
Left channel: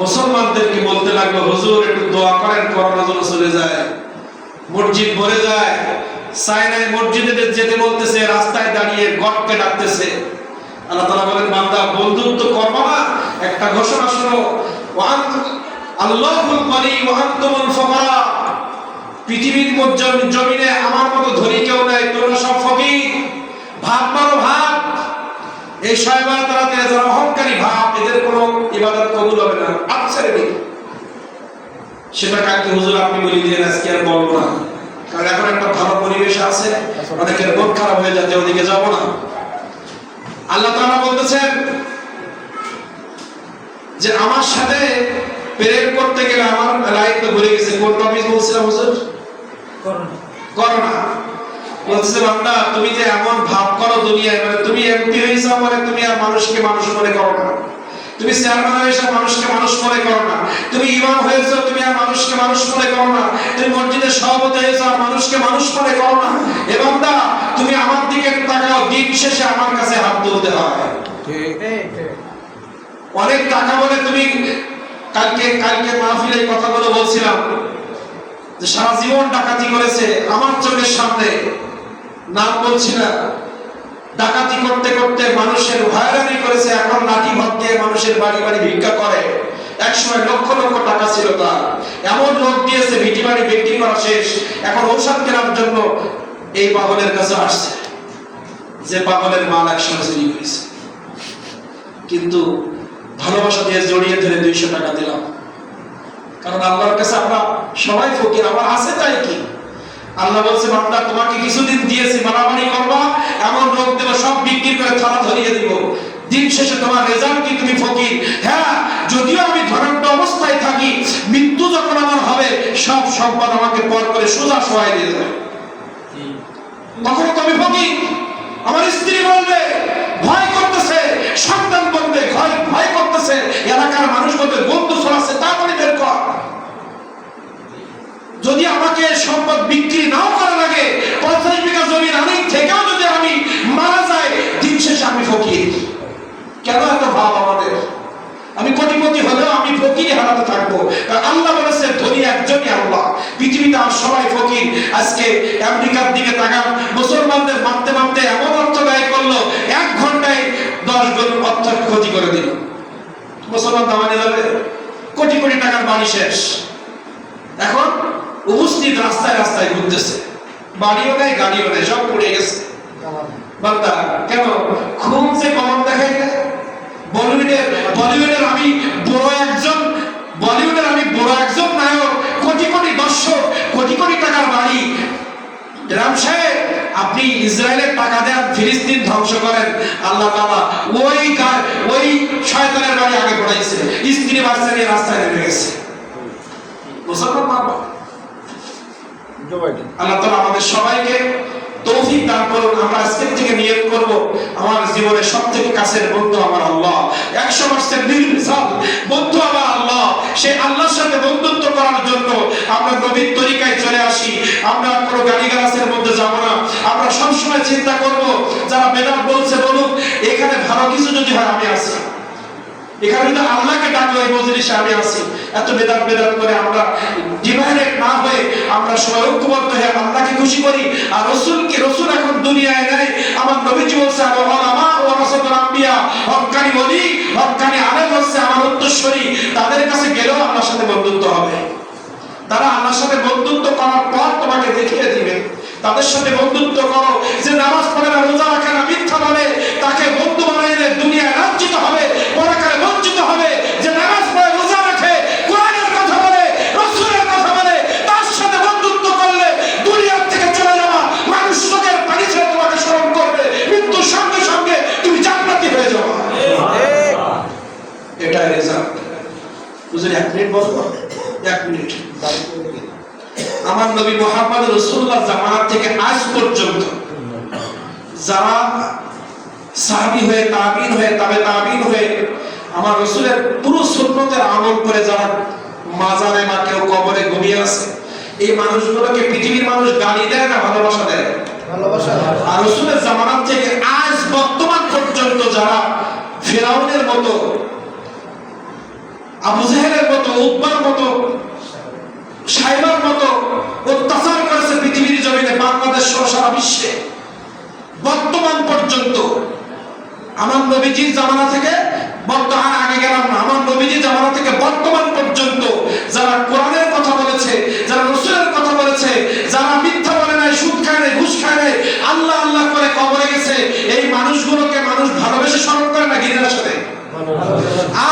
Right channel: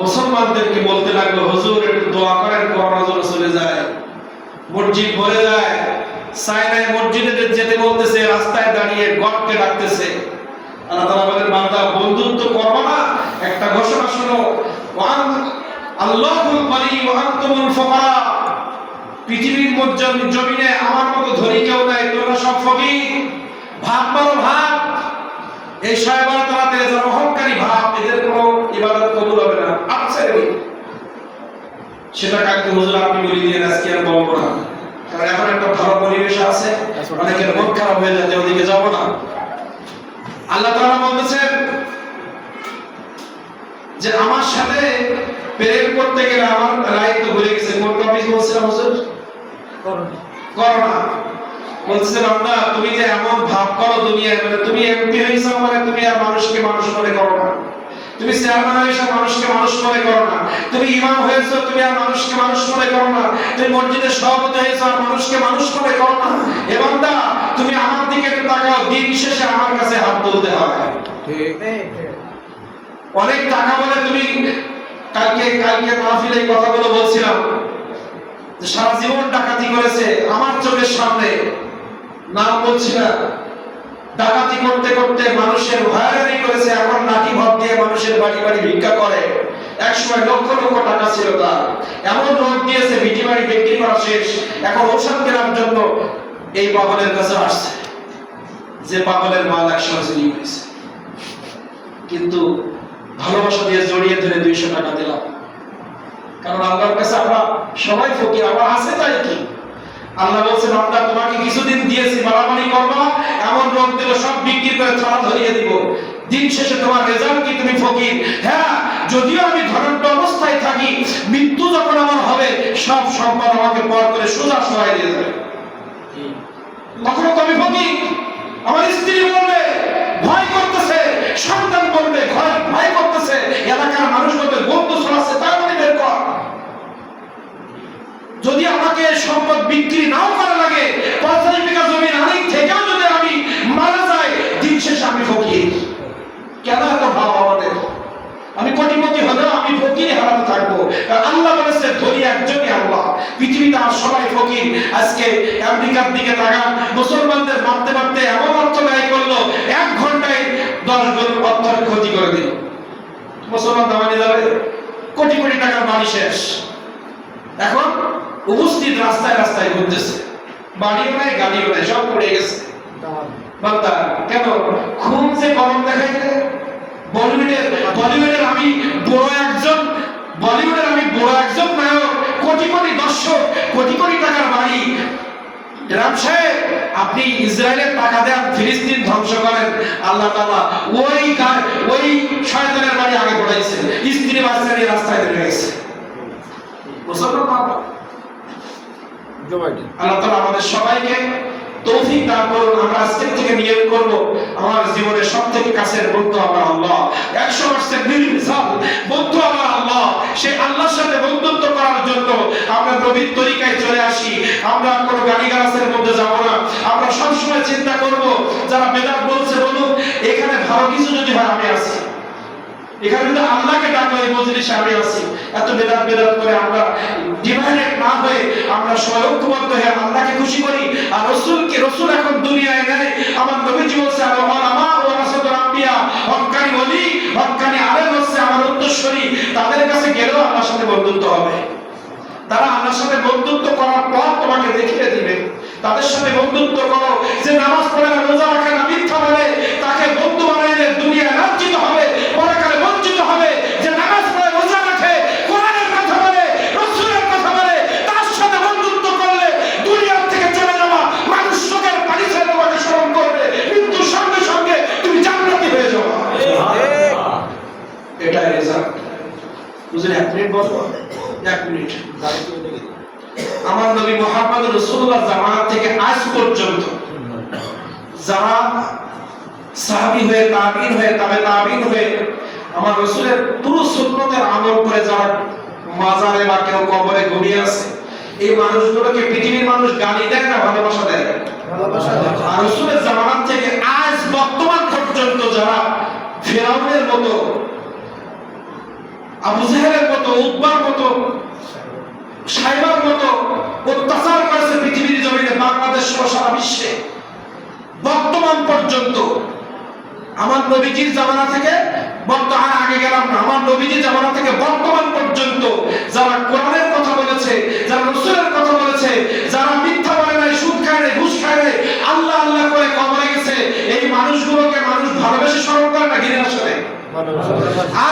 মুসলমানদেরকে বলতে লাগলো, হুজুর একটু দোয়া করেন করোনা যেন চলে যায়। মসজিদ ভরে যায়, চায়নায় মসজিদে যেতে বলতেছে, রাস্তায় দাঁড়িয়ে গডকে ডাকতেছে। আল্লাহ তাআলা বলেন, বান্দা বন্ধুত্ব করবা না, একটা ঘোষণা শোনো, আল্লাহুল গনি ওয়া আনতুমুল ফুকারা, পৃথিবীর জমিনে আমার মতো ধনী কেউ নাই, তোমরা সব ফকির। ভাব মারো ভাব। এই শয়বান তারাতে যারা অহংকারী ভাব, এদের কোনো ইবাদত কবুল হবে না। আচ্ছা সেটা কাকে হুজুর আপনি বলি দিয়ে আজকে আর বলবো না, কারণ এখন একটা ভালো পরিবেশ আছে, অনেকের মন খারাপ হয়ে যাচ্ছে, ওদিকে যাব না। আল্লাহ তাআলা বলতেছেন যে আমার সাথে প্রেম করতে গেলে আমার লাইফ তো ভুলে গেছে। কোন টপিক বলছিলাম হুজুর? করোনা। বলতেছে বান্দা তুমি যে এমন ভাব করো দুনিয়ায়, মানে তুমি এমপি হইছো বলে তুমি আর মানুষকে মানুষ মনে করো না, তুমি চেয়ারম্যান হয়েছো মানুষকে মানুষ মনে করো না, তুমি ইমাম হয়েছো তুমি আর মানুষকে মানুষ মনে করো না, তুমি মসজিদের সভাপতি হয়েছো আর মানুষকে মানুষ মনে করো না। এ বান্দা তুমি আমার দিকে তাকাও, দিন শেষে আমার কাছে হাত তুলতে হয়। ঠিক। অনেক টাকা বলে তুমি কালকে মাহফিলে এই কথাগুলো বলছিলাম যে সারা জীবন ডাকাতি করেছে আমার চোখের সামনে, নাম বলছি না, ডাকাতি করতে করতে মানুষের হয়রানি করেছে, এখন লাঠি ভর দিয়ে মানুষের বাড়ি বাড়ি ভিক্ষা করে। একসময় লক্ষ লক্ষ টাকা ছিল তার, এমন লোক দিয়েছে ভিটি বাড়ি বিক্রি করা শেষ, এখন ঔষধ কেনার জন্য এই পাগলের কাছে আসছে, যে পাগলের মাল একসময় চুরি করেছে। কিন্তু ভালোবাসা দিয়ে জড়িয়ে ধরে 200 টাকা দিলাম, কারণ আল্লাহর কাছে আমরা সবাই ফকির, আমার আছে তাই কি। আল্লাহ বলছে বান্দা তোমাকে কিছুদিন দিয়েছি, বাড়াবাড়ি করবা, এমন লোক দেব সব বিক্রি করে থালা ধরিয়ে দিব, দিন শেষে তোমার রেজাল্ট কি তুমি ফকির। হ্যাঁ, যদিও আমি ধনাঢ্য অবস্থায় থাকি, মৃত্যু যখন আমার হবে সব সম্পদ আমাকে পর করে সোজা শোয়াই দিয়ে যাবে, তখন তো আমি ফকির। আমার স্ত্রী বলবে ভয় করতেছে, সন্তান বলবে ভয় করতেছে, এলাকার মানুষ বলবে বন্ধু ছড়াচ্ছে, তাড়াতাড়ি বের কর। যদি আমাকে সম্পদ বিক্রি নাও করা লাগে, 50 বিঘা জমির আলিক থেকেও যদি আমি মারা যাই, দিন শেষে আমি ফকির। কেন এত ভাব আমাদের? আমি কোটিপতি হলেও আমি ফকির হারাতে থাকবো। আল্লাহ বলেছে ধনী একজনই আল্লাহ, পৃথিবীতে আর সবাই ফকির। আজকে আমেরিকার দিকে তাকান, মুসলমানদের মারতে মারতে এমন অর্থ ব্যয় করলো, 1 ঘন্টায় 10 গরিব অর্থ ক্ষতি করে দিল। মুসলমান দামানি যাবে, কোটি কোটি টাকার বাড়ি শেষ, এখন উপস্থিত রাস্তায় রাস্তায় ঘুরতেছে, বাড়িও নেই গাড়িও নেই, সব পড়ে গেছে। বান্দা কেন খুব যে কলম দেখাইলে? বলিউডের আমি বড় একজন নায়ক, কোটি কোটি দর্শক, কোটি রাম সাহেব আপনি ইসরায়েলের টাকা দেন, ফিলিস্তিন ধ্বংস করেন, আল্লাহ তাআলা ওই শয়তানের বাড়ি আগে পড়াইছে, স্ত্রী বাচ্চা নিয়ে রাস্তায় নেমে গেছে। মুসলমান আল্লাহ তাআলা আমাদের সবাইকে তৌফিক দান করুন। আমরা আজকের থেকে নিয়ত করব, আমার জীবনের সবথেকে কাছের বন্ধু আমার আল্লাহ, 100% নির্ভেজাল বন্ধু আমার আল্লাহ। সেই আল্লাহর সাথে বন্ধুত্ব করার জন্য আমরা নবীর তরিকায় চলে আসি। আমরা কোনো গালিগালাজের মধ্যে যাব না। আমরা সবসময় চিন্তা করব, যারা বেদাত বলছে বলুক, এখানে ভালো কিছু যদি হয় আমি আছি, এখানে যদি আল্লাহকে ডাকলে এই মজলিসে আমি আছি। এত বেদাত করে আমরা ডিভাইডেড না হয়ে আমরা সবাই ঐক্যবদ্ধ হয়ে আল্লাহকে খুশি করি। আর রসুল এখন দুনিয়ায় নেই। আমার নবীজি বলছে আমা ওয়া রাসূলুল আম্বিয়া, হক্কানি ওলি হক্কানি আলেম হচ্ছে আমার উত্তরসূরি। তাদের কাছে গেলেও আল্লাহর সাথে বন্ধুত্ব হবে। তারা আল্লাহর সাথে বন্ধুত্ব করার পর তোমাকে দেখিয়ে দিবে। তাদের সাথে বন্ধুত্ব করো। যে নামাজ পড়ে না, রোজা রাখে না, মিথ্যা বলে, তাকে বন্ধু বানাইলে দুনিয়ায় লাঞ্ছিত হবে, পরকালে বঞ্চিত হবে। যে নামাজ পড়ে, রোজা রাখে, কোরআনের কথা বলে, রাসূলের কথা বলে, তার সাথে বন্ধুত্ব করলে দুনিয়া থেকে চলে যাওয়া মানুষ চোখের পানি ছেড়ে তোমাকে স্মরণ করবে, মৃত্যুর সঙ্গে সঙ্গে তুমি জান্নাতি হয়ে যাবে। এটাই রেজাল্ট। বুঝলেন? 1 মিনিট বলবো, 1 মিনিট। আমার নবী মুহাম্মদ রাসূলুল্লাহ জামানা থেকে আজ পর্যন্ত যারা সাহাবী হয়ে, তাবিঈন হয়ে, তাবে তাবিঈন হয়ে আমার রাসূলের পুরো সুন্নতের আমল করে যারা মাজারে বা কেউ কবরে ঘুমিয়ে আছে, এই মানুষগুলোকে পৃথিবীর মানুষ গালি দেয় না ভালোবাসা দেয়? ভালোবাসা দেয়। আর রাসূলের জামানা থেকে আজ বর্তমান পর্যন্ত যারা ফিরাউনের মতো, আবু জাহেলের মতো, উতবার মতো, সাইবার মতো অত্যাচার করেছে পৃথিবীর জমিনে, বাংলাদেশ সহ সারা বিশ্বে, বর্তমান পর্যন্ত আমার নবীজির জামানা থেকে বর্তমান আগে গেলাম না, আমার নবীজির জামানা থেকে বর্তমান পর্যন্ত যারা কোরআনের কথা বলেছে, যারা রাসূলের কথা বলেছে, যারা মিথ্যা বলে নাই, সুদ খায় নাই, ঘুষ খায় নাই, আল্লাহ আল্লাহ করে কবরে গেছে, এই মানুষগুলোকে মানুষ ভালোবেসে স্মরণ করে না ঘৃণার সাথে?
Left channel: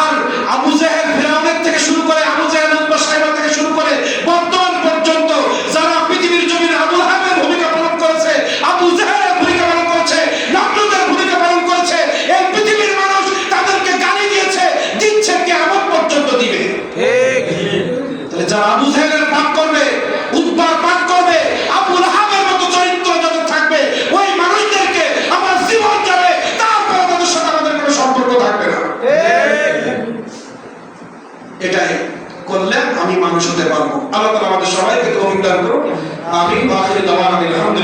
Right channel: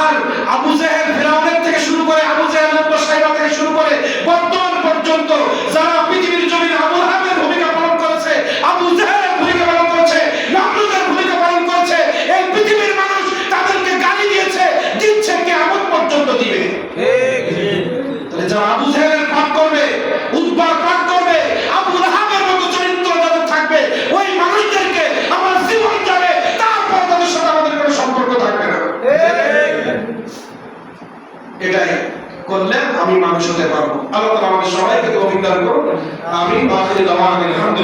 আর আবু জাহেল, ফিরাউনের থেকে শুরু করে, আবু জাহেল, উতবা, সাইবা থেকে শুরু করে বর্তমান পর্যন্ত যারা পৃথিবীর জমিনে আবু লাহাবের ভূমিকা পালন করেছে, আবু জাহেলের ভূমিকা পালন করেছে, নমরুদের ভূমিকা পালন করেছে, এই পৃথিবীর মানুষ তাদেরকে গালি দিয়েছে, দিচ্ছে, কিয়ামত পর্যন্ত দিবে। তাহলে যারা আবু জাহেলের পাঠ করবে, উতবার পাঠ করবে, আবু লাহাবের মতো চরিত্র যাদের থাকবে, ওই মানুষদেরকে আমার জীবন যাবে, তারপর তাদের সাথে আমাদের কোনো সম্পর্ক থাকবে না। এটাই করলে আমি মানুষ হতে পারবো। আল্লাহ তাআলা আমাদের সবাইকে তৌফিক দান করুন। আমিন। ওয়া আখিরু দাওয়ানা আলহামদুলিল্লাহ।